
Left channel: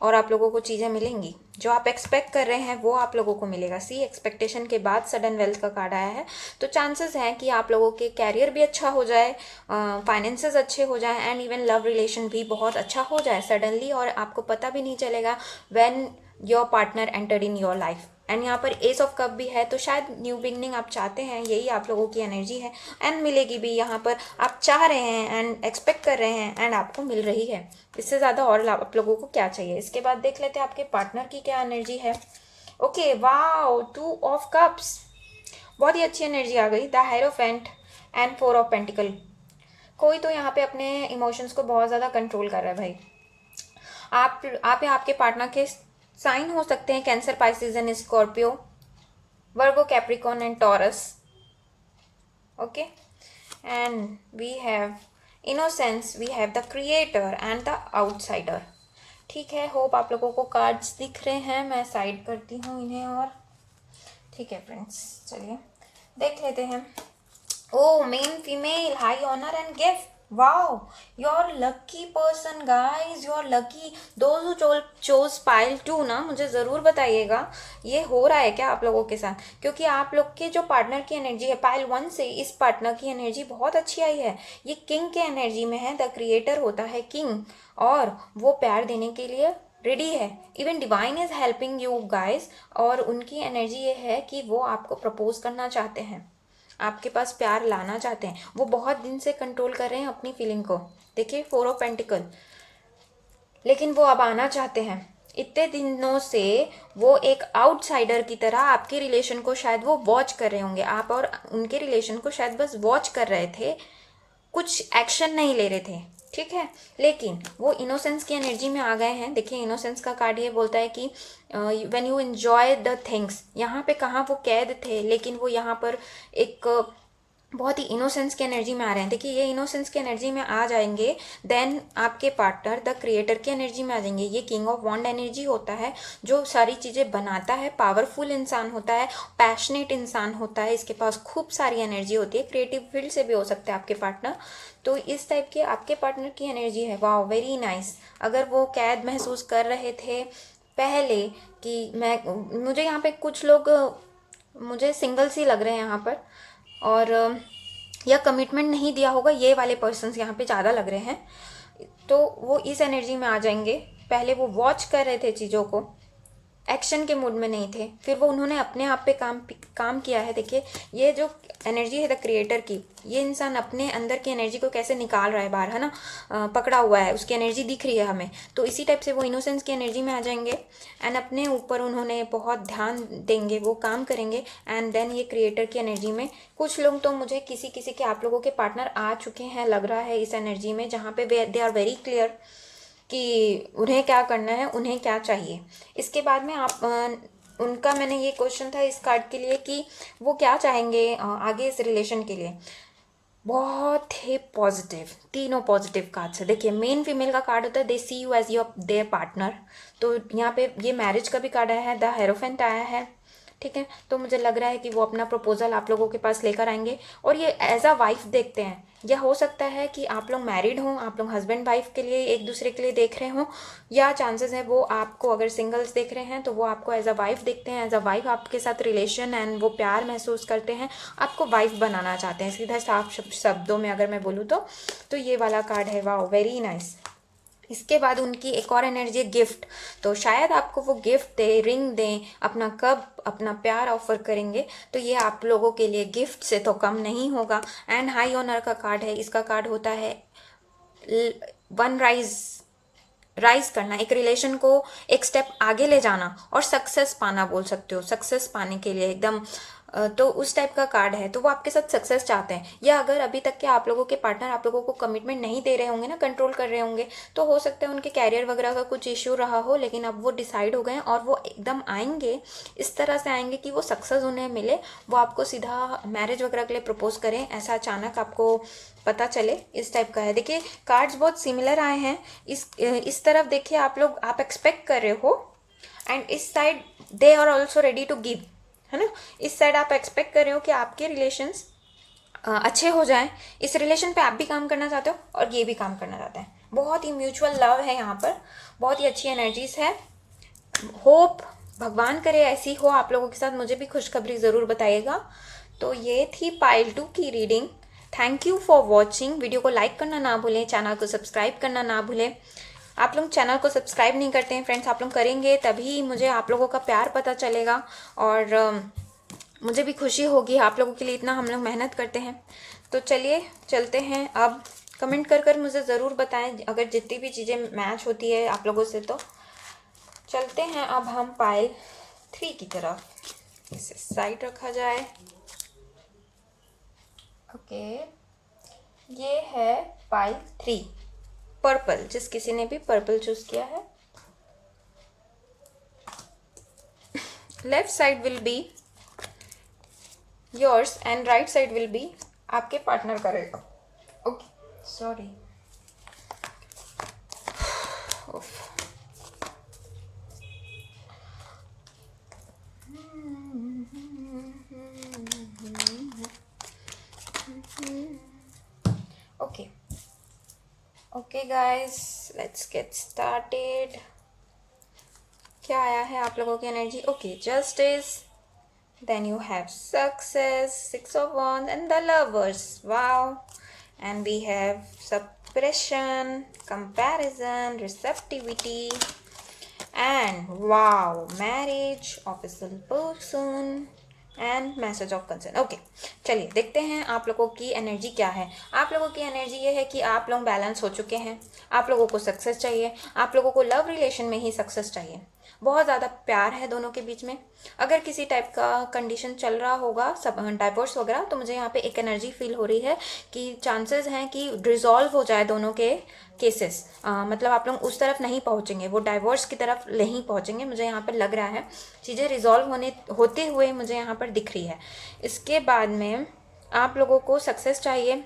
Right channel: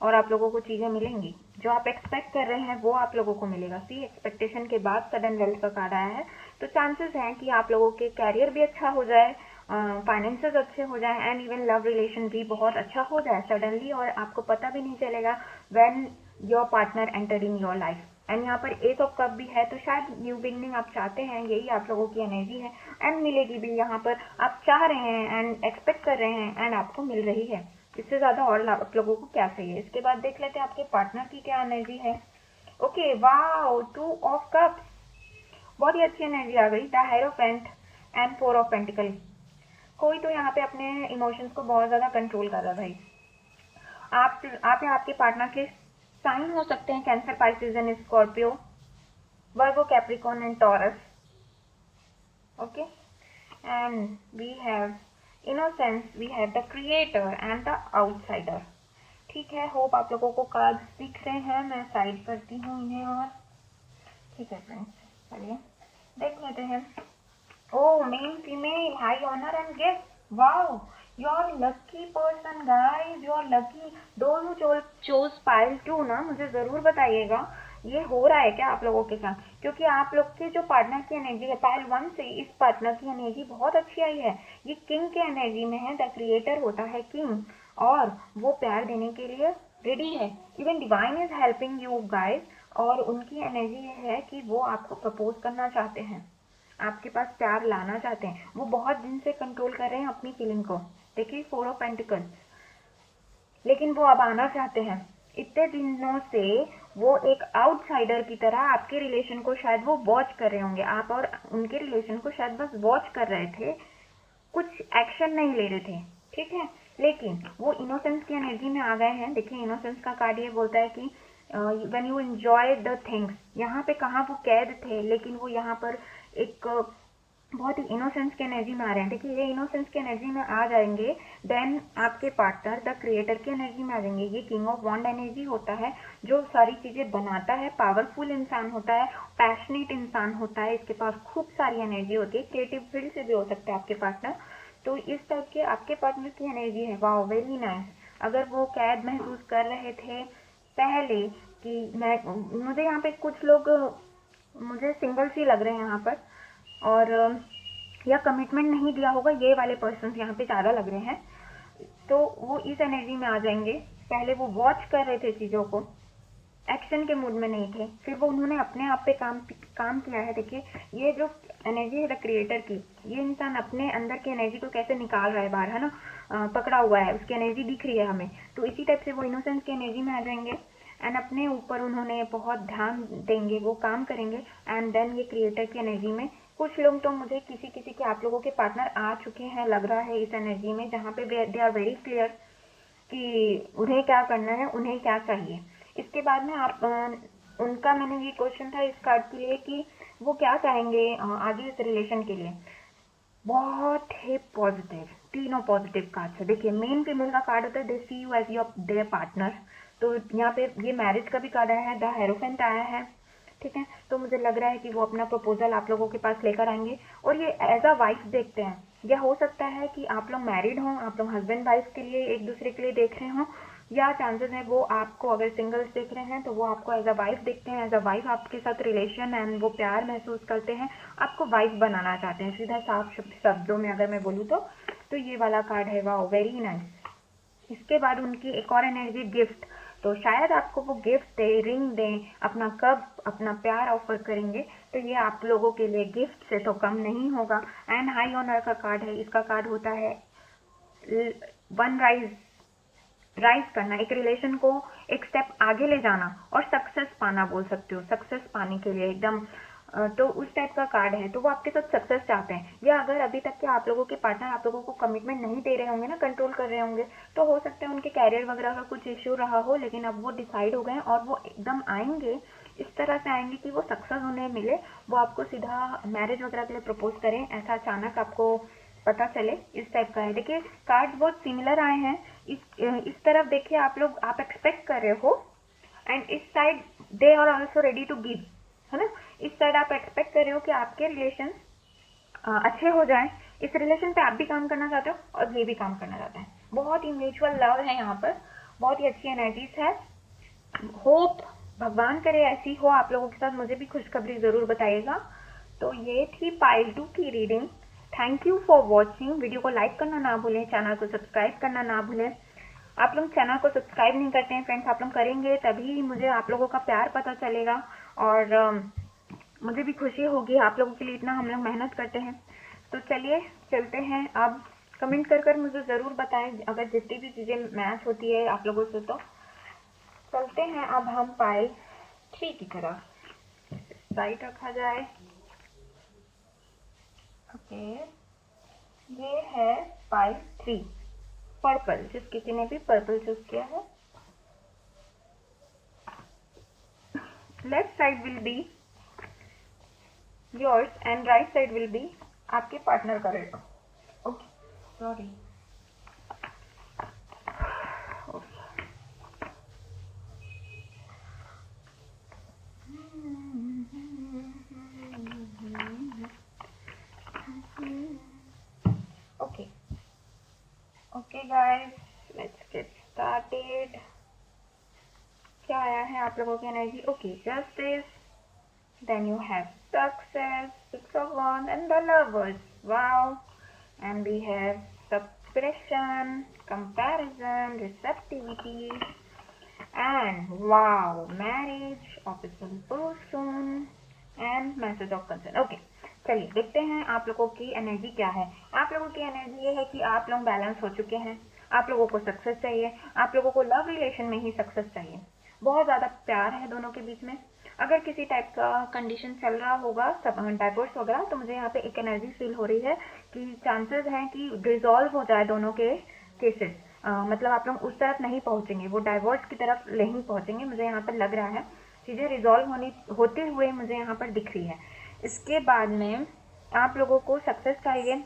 और आप लोगों को चीज़ें मिलेंगी जो आप एक्सपेक्ट कर रहे हैं, वो आप लोगों को मिलेगा। सी एक्सपेक्टेशन के बाद सडन वेल्थ का कार्ड आया है, तो चांसेस हैं कि आप लोगों के कैरियर भी अच्छा हो जाए, फाइनेंसेस अच्छे हो जाए, एंड इवन लव रिलेशन भी बहुत अच्छा हो जाए सडनली, और आपको पता भी नहीं चलेगा when your partner enter in your life. And यहाँ पर एस ऑफ कप भी है, तो शायद न्यू बिगनिंग आप चाहते हैं, यही आप लोगों की एनर्जी है, एंड मिलेगी भी। यहाँ पर आप चाह रहे हैं एंड एक्सपेक्ट कर रहे हैं एंड आपको मिल रही है। इससे ज़्यादा और आप लोगों को क्या चाहिए। इसके बाद देख लेते हैं आपके पार्टनर की क्या एनर्जी है। ओके, वाओ, 2 ऑफ कप्स, बहुत ही अच्छी एनर्जी आ गई। The hierophant and 4 of pentacle. कोई तो यहाँ पे अपने इमोशंस को बहुत ज़्यादा कंट्रोल कर रहा है भाई। आप या आपके पार्टनर के साइन हो सकते हैं Cancer, Pisces and Scorpio, Virgo, Capricorn and Taurus. Okay, and we have innocence, we have the creator and the outsider. ठीक है, होप आप लोगों को कार्ड्स दिख रहे हैं। मैं साइड करती हूँ इन्हें और ठीक है फ्रेंड्स, चलिए देख लेते हैं। Oh, male, female, high honor and gift. Wow, you're lucky person, guys. You're lucky. Those who chose pile 2 ना, मुझे ज़रूर बताइएगा ये हो रहा है क्या आप लोगों के साथ, क्योंकि आप लोग के जो पार्टनर की एनर्जी है पाइल 1 से, इस पार्टनर की एनर्जी बहुत अच्छी आई है। ये किंग के एनर्जी में है, द क्रिएटर होता है किंग, और वो प्यार देने के लिए रेडी है। Even divine is helping you guys, और उनकी एनर्जी ये है कि वो आपको प्रपोज करना चाहते हैं, आपके पास प्यार लाना चाहते हैं। वो बहुत दिन से कंट्रोल कर रहे हैं अपनी फीलिंग को। देखिए 4 ऑफ पेंटिकल, लेकिन वो अब आना चाहते हैं। इतने दिनों से वो एक आउटसाइडर की तरह आपके रिलेशन को शायद वो वॉच कर रहे होंगे। आप और उनके रिलेशन को शायद बस वॉच कर रहे थे, कुछ एक्शन नहीं ले रहे थे, ठीक है। लेकिन वो इनोसेंस की एनर्जी में आ गए हैं। देखिए इनोसेंस का कार्ड ये बोलता है कि when you enjoy the things, यहाँ पे कहाँ वो कैद थे, लेकिन वो यहाँ पर एक बहुत ही इनोसेंस की एनर्जी में आ रहे हैं। देखिए ये इनोसेंस की एनर्जी में आ जाएंगे, देन आपके पार्टनर द क्रिएटर की एनर्जी में आ जाएंगे। ये किंग ऑफ वॉन्ड एनर्जी होता है, जो सारी चीज़ें बनाता है, पावरफुल इंसान होता है, पैशनेट इंसान होता है, इसके पास खूब सारी एनर्जी होती है। क्रिएटिव फील्ड से भी हो सकते हैं आपके पार्टनर, तो इस टाइप की आपके पार्टनर की एनर्जी है। वाह, वेरी नाइस। अगर वो कैद महसूस कर रहे थे पहले कि मुझे यहाँ पे कुछ लोग मुझे सिंगल से लग रहे हैं यहाँ पर, और या कमिटमेंट नहीं दिया होगा, ये वाले पर्सन्स यहाँ पे ज़्यादा लग रहे हैं। तो वो इस एनर्जी में आ जाएंगे। पहले वो वॉच कर रहे थे चीज़ों को, एक्शन के मूड में नहीं थे, फिर वो उन्होंने अपने आप पे काम किया है। देखिए ये जो एनर्जी है द क्रिएटर की, ये इंसान अपने अंदर की एनर्जी को कैसे निकाल रहा है बाहर, है ना, पकड़ा हुआ है, उसकी एनर्जी दिख रही है हमें। तो इसी टाइप से वो इनोसेंस की एनर्जी में आ जाएंगे, एंड अपने ऊपर उन्होंने बहुत ध्यान देंगे, वो काम करेंगे, एंड देन ये क्रिएटर की एनर्जी में कुछ लोग तो मुझे किसी किसी के आप लोगों के पार्टनर आ चुके हैं लग रहा है इस एनर्जी में, जहाँ पे दे आर वेरी क्लियर कि उन्हें क्या करना है, उन्हें क्या चाहिए। इसके बाद में आप उनका, मैंने ये क्वेश्चन था इस कार्ड के लिए कि वो क्या चाहेंगे आगे इस रिलेशन के लिए। बहुत ही पॉजिटिव, तीनों पॉजिटिव कार्ड्स है। देखिए मेन फीमेल का कार्ड होता है they see you as your their partner, तो यहाँ पे ये मैरिज का भी कार्ड आया है, द हेरोफेंट आया है, ठीक है। तो मुझे लग रहा है कि वो अपना प्रपोजल आप लोगों के पास लेकर आएंगे, और ये एज अ वाइफ देखते हैं। या हो सकता है कि आप लोग मैरिड हों, आप लोग हस्बैंड वाइफ के लिए एक दूसरे के लिए देख रहे हों, या चांसेस है वो आपको, अगर सिंगल्स देख रहे हैं तो वो आपको एज अ वाइफ देखते हैं, एज अ वाइफ आपके साथ रिलेशन एंड वो प्यार महसूस करते हैं, आपको वाइफ बनाना चाहते हैं, सीधा साफ शब्दों में अगर मैं बोलूँ तो ये वाला कार्ड है। वाह, वेरी नाइस। इसके बाद उनकी एक और एनर्जी है गिफ्ट, तो शायद आपको वो गिफ्ट दे, रिंग दें, अपना कप, अपना प्यार ऑफर करेंगे, तो ये आप लोगों के लिए गिफ्ट से तो कम नहीं होगा। एंड हाई ऑनर का कार्ड है, इसका कार्ड होता है वन राइज करना, एक रिलेशन को एक स्टेप आगे ले जाना और सक्सेस पाना, बोल सकते हो सक्सेस पाने के लिए एकदम तो उस टाइप का कार्ड है। तो वो आपके साथ सक्सेस चाहते हैं, या अगर अभी तक के आप लोगों के पार्टनर आप लोगों को कमिटमेंट नहीं दे रहे होंगे ना, कंट्रोल कर रहे होंगे, तो हो सकता है उनके कैरियर वगैरह का कुछ इश्यू रहा हो, लेकिन अब वो डिसाइड हो गए और वो एकदम आएंगे, इस तरह से आएंगे कि वो सक्सेस उन्हें मिले, वो आपको सीधा मैरिज वगैरह के लिए प्रपोज करें, ऐसा अचानक आपको पता चले, इस टाइप का है। देखिए कार्ड्स बहुत सिमिलर आए हैं। इस तरफ देखिए आप लोग, आप एक्सपेक्ट कर रहे हो, एंड इस side they are also ready to give, है ना। इस साइड आप एक्सपेक्ट कर रहे हो कि आपके रिलेशंस अच्छे हो जाएं, इस रिलेशन पे आप भी काम करना चाहते हो और ये भी काम करना चाहते हैं। बहुत ही म्यूचुअल लव है यहाँ पर, बहुत ही अच्छी एनर्जीज है। होप भगवान करे ऐसी हो आप लोगों के साथ, मुझे भी खुशखबरी ज़रूर बताइएगा। तो ये थी पाइल 2 की reading. Thank you for watching. Video को लाइक करना ना भूलें, चैनल को सब्सक्राइब करना ना भूलें। आप लोग चैनल को सब्सक्राइब नहीं करते हैं फ्रेंड्स, आप लोग करेंगे तभी मुझे आप लोगों का प्यार पता चलेगा, और मुझे भी खुशी होगी, आप लोगों के लिए इतना हम लोग मेहनत करते हैं। तो चलिए चलते हैं अब। कमेंट कर मुझे ज़रूर बताएं अगर जितनी भी चीज़ें मैच होती है आप लोगों से। तो चलते हैं अब हम पाइल 3 की तरफ। इसे साइड रखा जाए। ओके, ये है पाइल 3, पर्पल, जिस किसी ने भी पर्पल चूज किया है। Left side will be yours and right side will be आपके पार्टनर का रहेगा। Okay, sorry. Okay okay guys, let's get started. क्या आया है आप लोगों की energy? Okay, justice, then you have success, 6 of Wands, and the Lovers. Wow. And we have suppression, comparison, receptivity, and wow, marriage, official person, and message of concern. Okay, चलिए देखते हैं आप लोगों की एनर्जी क्या है। आप लोगों की एनर्जी ये है कि आप लोग बैलेंस हो चुके हैं, आप लोगों को सक्सेस चाहिए, आप लोगों को लव रिलेशन में ही सक्सेस चाहिए, बहुत ज़्यादा प्यार है दोनों के बीच में। अगर किसी टाइप का कंडीशन चल रहा होगा, सब डाइवोर्स वगैरह, तो मुझे यहाँ पे एक एनर्जी फील हो रही है कि चांसेस हैं कि रिजॉल्व हो जाए दोनों के केसेस। मतलब आप लोग उस तरफ नहीं पहुँचेंगे, वो डाइवोर्स की तरफ नहीं पहुँचेंगे, मुझे यहाँ पर लग रहा है। चीज़ें रिजॉल्व होती हुए मुझे यहाँ पर दिख रही है। इसके बाद में आप लोगों को सक्सेस चाहिए,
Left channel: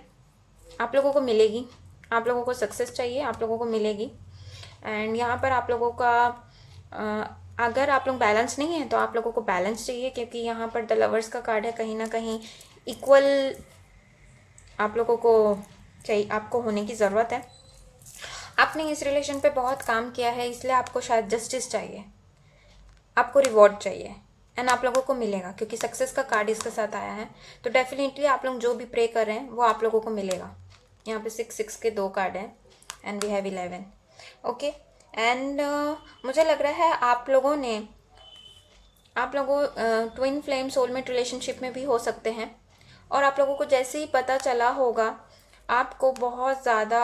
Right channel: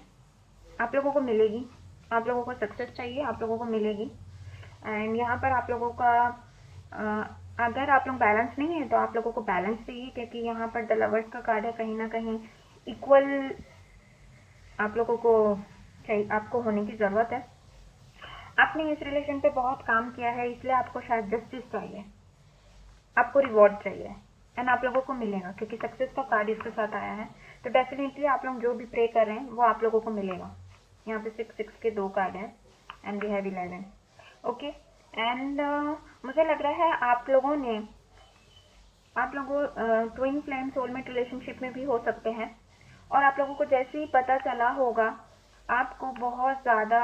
आप लोगों को मिलेगी, आप लोगों को सक्सेस चाहिए, आप लोगों को मिलेगी। एंड यहाँ पर आप लोगों का अगर आप लोग बैलेंस नहीं है तो आप लोगों को बैलेंस चाहिए, क्योंकि यहाँ पर द लवर्स का कार्ड है। कहीं ना कहीं इक्वल आप लोगों को चाहिए, आपको होने की ज़रूरत है। आपने इस रिलेशन पे बहुत काम किया है, इसलिए आपको शायद जस्टिस चाहिए, आपको रिवॉर्ड चाहिए, एंड आप लोगों को मिलेगा, क्योंकि सक्सेस का कार्ड इसके साथ आया है। तो डेफिनेटली आप लोग जो भी प्रे कर रहे हैं वो आप लोगों को मिलेगा। यहाँ पे 6 के 2 कार्ड हैं and we have 11। Okay, and मुझे लग रहा है आप लोगों ट्विन फ्लेम सोलमेट रिलेशनशिप में भी हो सकते हैं। और आप लोगों को जैसे ही पता चला होगा, आपको बहुत ज़्यादा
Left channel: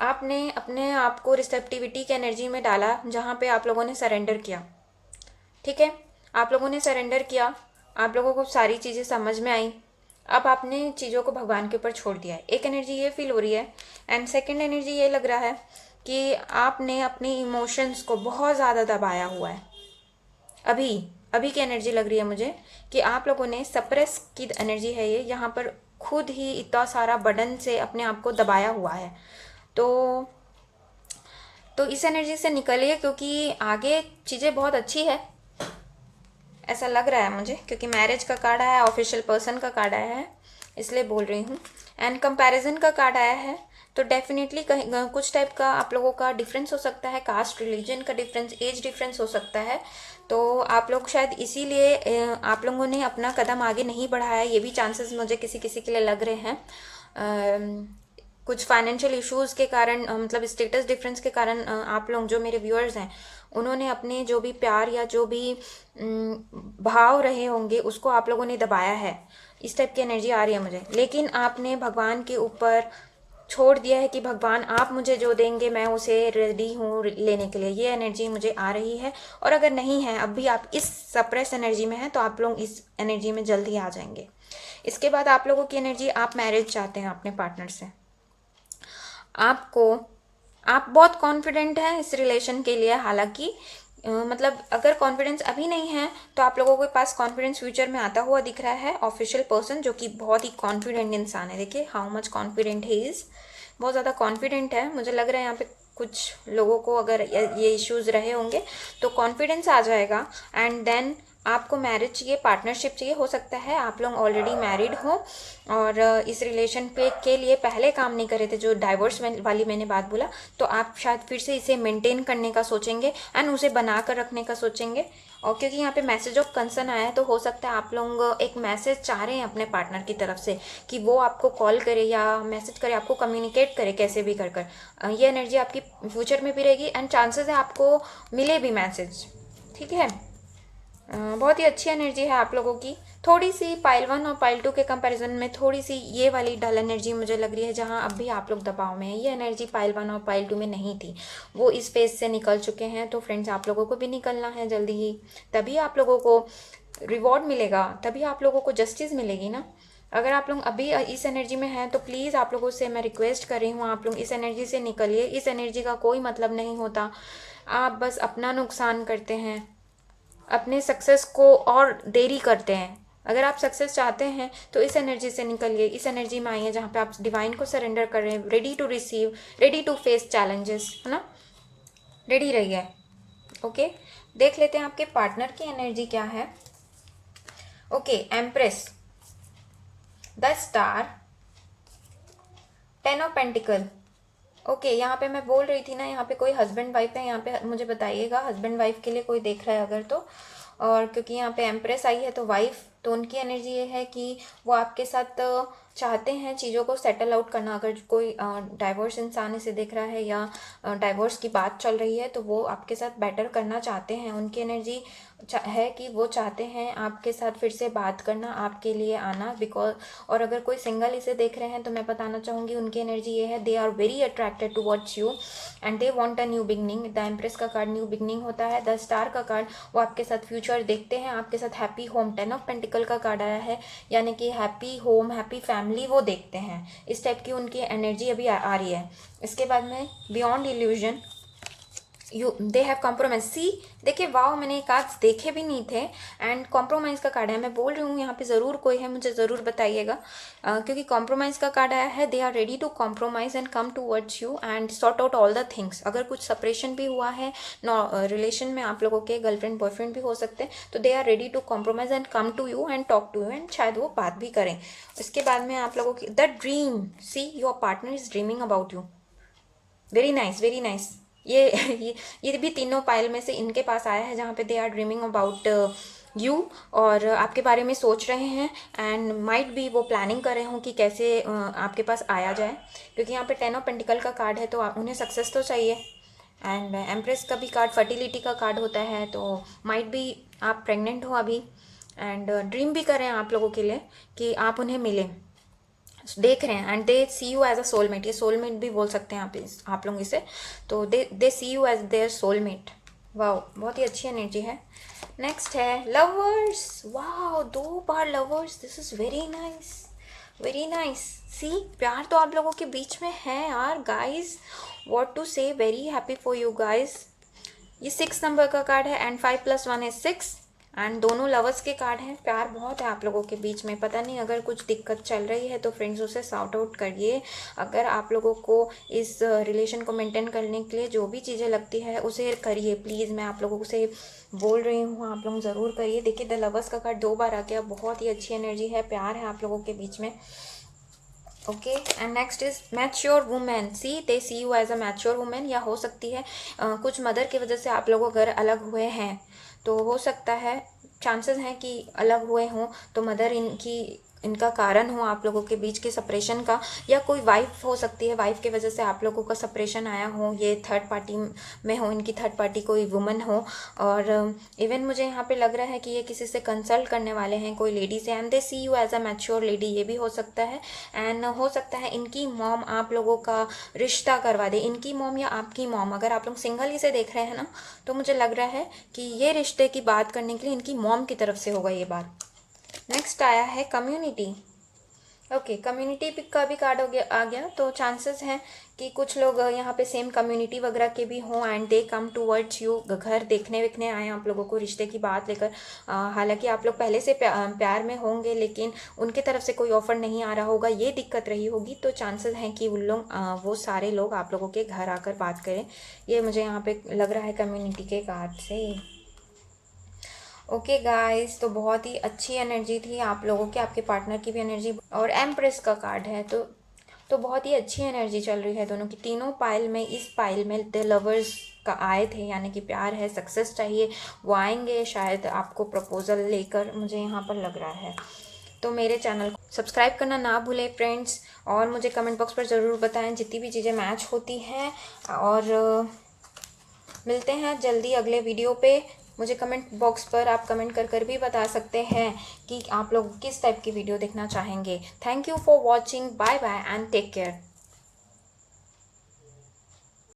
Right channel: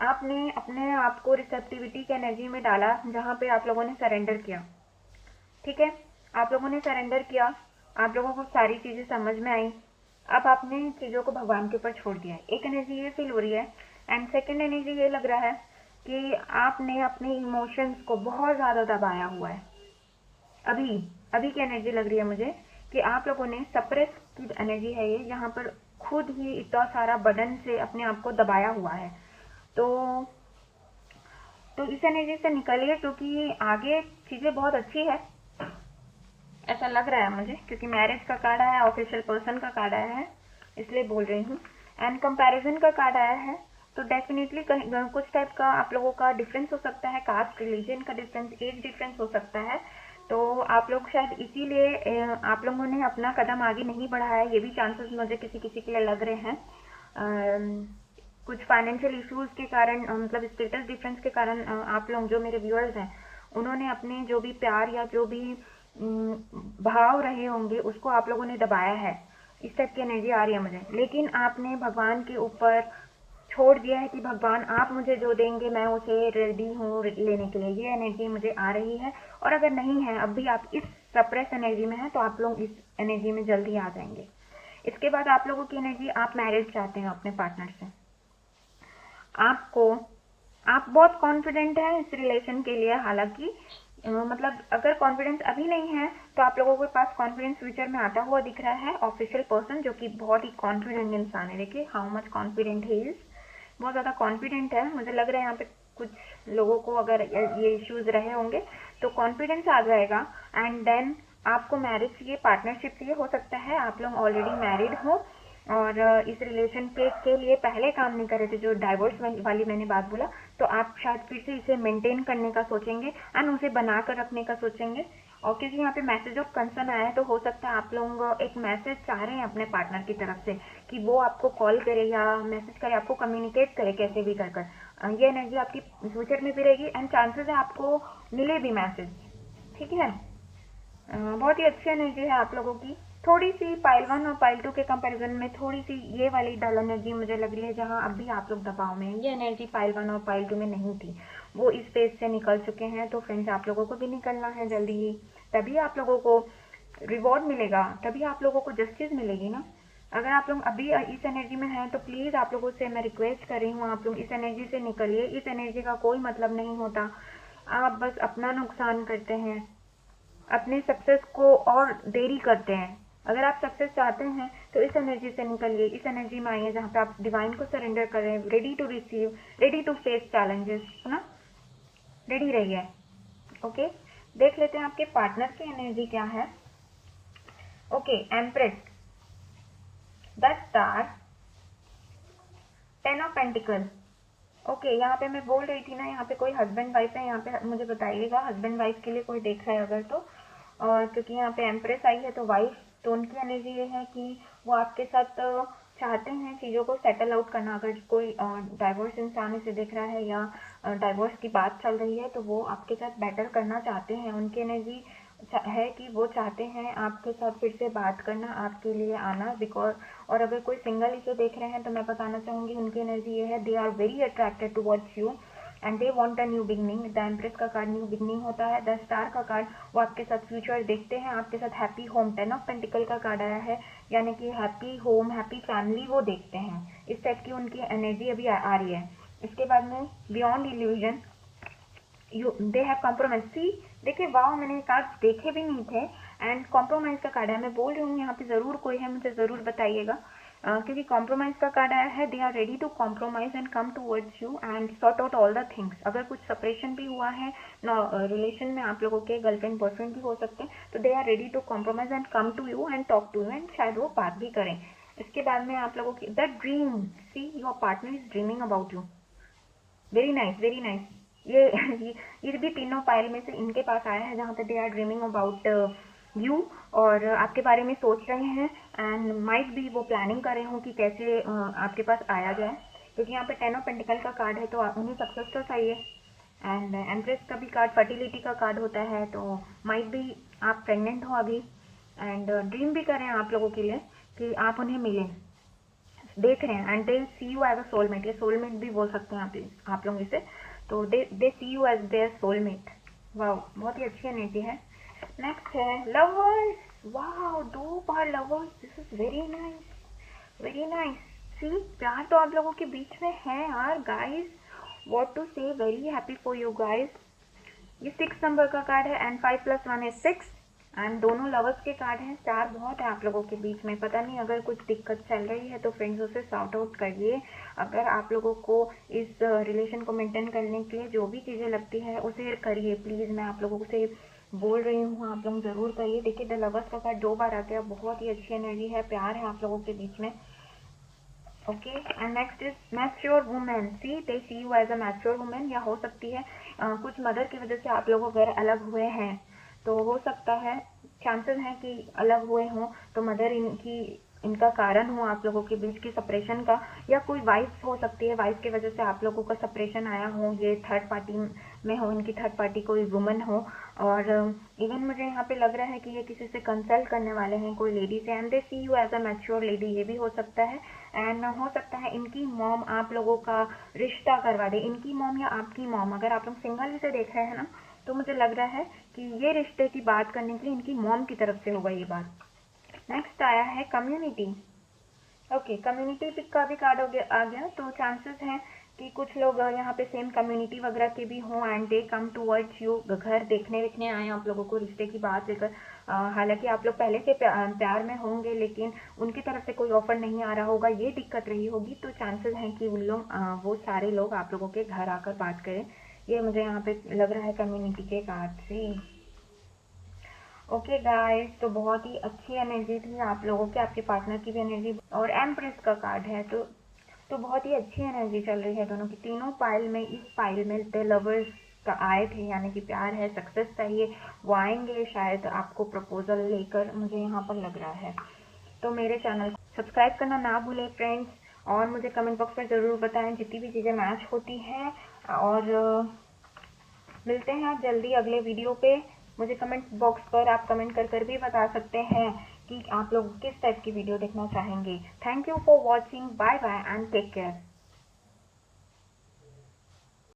आपने अपने आप को रिसेप्टिविटी की एनर्जी में डाला, जहाँ पे आप लोगों ने सरेंडर किया। ठीक है, आप लोगों ने सरेंडर किया, आप लोगों को सारी चीज़ें समझ में आई, अब आपने चीज़ों को भगवान के ऊपर छोड़ दिया है। एक एनर्जी ये फील हो रही है। एंड सेकंड एनर्जी ये लग रहा है कि आपने अपनी इमोशंस को बहुत ज़्यादा दबाया हुआ है। अभी की एनर्जी लग रही है मुझे कि आप लोगों ने सप्रेस की एनर्जी है ये, यहाँ पर खुद ही इतना सारा बर्डन से अपने आप को दबाया हुआ है। तो इस एनर्जी से निकलिए, क्योंकि आगे चीज़ें बहुत अच्छी है, ऐसा लग रहा है मुझे, क्योंकि मैरिज का कार्ड आया है, ऑफिशियल पर्सन का कार्ड आया है, इसलिए बोल रही हूँ। एंड कंपैरिजन का कार्ड आया है, तो डेफिनेटली कहीं कुछ टाइप का आप लोगों का डिफरेंस हो सकता है, कास्ट रिलीजन का डिफरेंस, एज डिफरेंस हो सकता है। तो आप लोग शायद इसीलिए आप लोगों ने अपना कदम आगे नहीं बढ़ाया, ये भी चांसेस मुझे किसी किसी के लिए लग रहे हैं। कुछ फाइनेंशियल इश्यूज़ के कारण, मतलब स्टेटस डिफरेंस के कारण, आप लोग जो मेरे व्यूअर्स हैं उन्होंने अपने जो भी प्यार या जो भी भाव रहे होंगे उसको आप लोगों ने दबाया है। इस टाइप की एनर्जी आ रही है मुझे। लेकिन आपने भगवान के ऊपर छोड़ दिया है कि भगवान आप मुझे जो देंगे मैं उसे रेडी हूँ लेने के लिए, ये एनर्जी मुझे आ रही है। और अगर नहीं है, अब भी आप इस सप्रेस एनर्जी में हैं, तो आप लोग इस एनर्जी में जल्दी आ जाएंगे। इसके बाद आप लोगों की एनर्जी, आप मैरिज चाहते हैं अपने पार्टनर से, आप बहुत कॉन्फिडेंट हैं इस रिलेशन के लिए। हालांकि मतलब अगर कॉन्फिडेंस अभी नहीं है तो आप लोगों के पास कॉन्फिडेंस फ्यूचर में आता हुआ दिख रहा है। ऑफिशियल पर्सन जो कि बहुत ही कॉन्फिडेंट इंसान है, देखिए how much confident he is, बहुत ज़्यादा कॉन्फिडेंट है। मुझे लग रहा है यहाँ पे कुछ लोगों को अगर ये इश्यूज़ रहे होंगे तो कॉन्फिडेंस आ जाएगा। एंड देन आपको मैरिज चाहिए, पार्टनरशिप चाहिए। हो सकता है आप लोग ऑलरेडी मैरिड हो और इस रिलेशन पे के लिए पहले काम नहीं कर रहे थे, जो डाइवोर्स वाली मैंने बात बोला, तो आप शायद फिर से इसे मेंटेन करने का सोचेंगे एंड उसे बना कर रखने का सोचेंगे। और क्योंकि यहाँ पे मैसेज ऑफ कंसर्न आया है, तो हो सकता है आप लोग एक मैसेज चाह रहे हैं अपने पार्टनर की तरफ से कि वो आपको कॉल करे या मैसेज करे, आपको कम्युनिकेट करे कैसे भी कर कर। ये एनर्जी आपकी फ्यूचर में भी रहेगी एंड चांसेस है आपको मिले भी मैसेज। ठीक है, बहुत ही अच्छी एनर्जी है आप लोगों की। थोड़ी सी पाइल 1 और पाइल 2 के कंपैरिजन में थोड़ी सी ये वाली डल एनर्जी मुझे लग रही है, जहां अब भी आप लोग दबाव में है। ये एनर्जी पाइल 1 और पाइल 2 में नहीं थी, वो इस फेज से निकल चुके हैं। तो फ्रेंड्स, आप लोगों को भी निकलना है जल्दी ही, तभी आप लोगों को रिवॉर्ड मिलेगा, तभी आप लोगों को जस्टिस मिलेगी ना। अगर आप लोग अभी इस एनर्जी में हैं तो प्लीज़ आप लोगों से मैं रिक्वेस्ट कर रही हूँ, आप लोग इस एनर्जी से निकलिए। इस एनर्जी का कोई मतलब नहीं होता, आप बस अपना नुकसान करते हैं, अपने सक्सेस को और देरी करते हैं। अगर आप सक्सेस चाहते हैं तो इस एनर्जी से निकलिए, इस एनर्जी में आइए जहाँ पे आप डिवाइन को सरेंडर कर रहे हैं, ready to receive, ready to face challenges, है ना, रेडी रहिए। ओके, देख लेते हैं आपके पार्टनर की एनर्जी क्या है। Okay, empress, the star, 10 of pentacle. Okay, यहाँ पे मैं बोल रही थी ना, यहाँ पे कोई हस्बैंड वाइफ है, यहाँ पे मुझे बताइएगा हस्बैंड वाइफ के लिए कोई देख रहा है अगर तो। और क्योंकि यहाँ पे एम्प्रेस आई है तो वाइफ, तो उनकी एनर्जी ये है कि वो आपके साथ चाहते हैं चीज़ों को सेटल आउट करना। अगर कोई डाइवोर्स इंसान इसे देख रहा है या डाइवोर्स की बात चल रही है तो वो आपके साथ बेटर करना चाहते हैं। उनकी एनर्जी है कि वो चाहते हैं आपके साथ फिर से बात करना, आपके लिए आना, बिकॉज। और अगर कोई सिंगल इसे देख रहे हैं तो मैं बताना चाहूँगी उनकी एनर्जी ये है, they are very attracted towards you and they want a new beginning. The empress का कार्ड न्यू बिगनिंग होता है। द स्टार का कार्ड वो आपके साथ फ्यूचर देखते हैं, आपके साथ हैप्पी होम। 10 ऑफ पेंटिकल का कार्ड आया है, यानी कि हैप्पी होम, हैप्पी फैमिली वो देखते हैं। इस टाइप की उनकी एनर्जी अभी आ रही है। इसके बाद में beyond illusion, you they have compromise. See देखिए, वाह, मैंने ये कार्ड्स देखे भी नहीं थे एंड कॉम्प्रोमाइज़ का कार्ड है। मैं बोल रही हूँ यहाँ पे ज़रूर कोई है, मुझे ज़रूर बताइएगा, क्योंकि कॉम्प्रोमाइज़ का कार्ड आया है। They are ready to compromise and come towards you and sort out all the things. अगर कुछ सेपरेशन भी हुआ है रिलेशन में, आप लोगों के गर्लफ्रेंड बॉयफ्रेंड भी हो सकते हैं, तो they are ready to compromise and come to you and talk to you एंड शायद वो बात भी करें। इसके बाद में आप लोगों की the dream, see your partner is dreaming about you. Very nice, very nice. ये भी तीनों पाइल में से इनके पास आया है, जहाँ पे they are dreaming about you और आपके बारे में सोच रहे हैं एंड माइट भी वो प्लानिंग कर रहे हो कि कैसे आपके पास आया जाए, क्योंकि यहाँ पे 10 ऑफ पेंटिकल का कार्ड है तो आप उन्हें सक्सेस तो चाहिए। एंड एम्प्रेस का भी कार्ड फर्टिलिटी का कार्ड होता है, तो माइट भी आप प्रेग्नेंट हो अभी एंड ड्रीम भी करें आप लोगों के लिए कि आप उन्हें मिलें, देख रहे हैं and they see you as a soulmate. ये सोलमेट भी बोल सकते हैं आप लोग इसे, तो they see you as their soulmate. वाह, बहुत ही अच्छी एनर्जी है। नेक्स्ट है लवर्स। वाह, 2 बार lovers, this is very nice, very nice. See, प्यार तो आप लोगों के बीच में है यार guys, what to say, very happy for you guys. ये 6 नंबर का कार्ड है एंड 5 + 1 is 6 एंड दोनों लवर्स के कार्ड हैं। प्यार बहुत है आप लोगों के बीच में। पता नहीं अगर कुछ दिक्कत चल रही है तो फ्रेंड्स उसे सॉर्ट आउट करिए। अगर आप लोगों को इस रिलेशन को मेंटेन करने के लिए जो भी चीज़ें लगती है उसे करिए प्लीज़, मैं आप लोगों से बोल रही हूँ, आप लोग ज़रूर करिए। देखिए, द लवर्स का कार्ड 2 बार आ गया, बहुत ही अच्छी एनर्जी है, प्यार है आप लोगों के बीच में। Okay, and next is mature women. See they see you as a mature women, या हो सकती है कुछ मदर की वजह से आप लोगों घर अलग हुए हैं, तो हो सकता है, चांसेस हैं कि अलग हुए हों, तो मदर इनका कारण हो आप लोगों के बीच की सेपरेशन का, या कोई वाइफ हो सकती है, वाइफ की वजह से आप लोगों का सेपरेशन आया हो, ये थर्ड पार्टी में हो, इनकी थर्ड पार्टी कोई वुमन हो। और इवन मुझे यहाँ पे लग रहा है कि ये किसी से कंसल्ट करने वाले हैं, कोई लेडी से, and they see you as a mature lady, ये भी हो सकता है। एंड हो सकता है इनकी मॉम आप लोगों का रिश्ता करवा दे, इनकी मॉम या आपकी मॉम। अगर आप लोग सिंगल ही से देख रहे हैं ना, तो मुझे लग रहा है कि ये रिश्ते की बात करने के लिए इनकी मॉम की तरफ से होगा ये बात। नेक्स्ट आया है कम्युनिटी। ओके, कम्युनिटी का भी कार्ड आ गया, तो चांसेस है कि कुछ लोग यहाँ पे सेम कम्युनिटी वगैरह के भी हों and they come towards you, घर देखने विखने आए आप लोगों को रिश्ते की बात लेकर। हालांकि आप लोग पहले से प्यार में होंगे, लेकिन उनके तरफ से कोई ऑफर नहीं आ रहा होगा, ये दिक्कत रही होगी, तो चांसेस हैं कि उन लोग वो सारे लोग आप लोगों के घर आकर बात करें। ये मुझे यहाँ पे लग रहा है कम्युनिटी के कार्ड से। ओके गाइस, तो बहुत ही अच्छी एनर्जी थी आप लोगों की, आपके पार्टनर की भी एनर्जी, और एम्प्रेस का कार्ड है, तो बहुत ही अच्छी एनर्जी चल रही है दोनों की। तीनों पाइल में, इस पाइल में द लवर्स का आए थे, यानी कि प्यार है, सक्सेस चाहिए, वो आएंगे शायद आपको प्रपोजल लेकर, मुझे यहाँ पर लग रहा है। तो मेरे चैनल को सब्सक्राइब करना ना भूलें फ्रेंड्स, और मुझे कमेंट बॉक्स पर ज़रूर बताएं जितनी भी चीज़ें मैच होती हैं, और मिलते हैं जल्दी अगले वीडियो पे। मुझे कमेंट बॉक्स पर आप कमेंट कर भी बता सकते हैं कि आप लोग किस टाइप की वीडियो देखना चाहेंगे। Thank you for watching, bye bye and take care.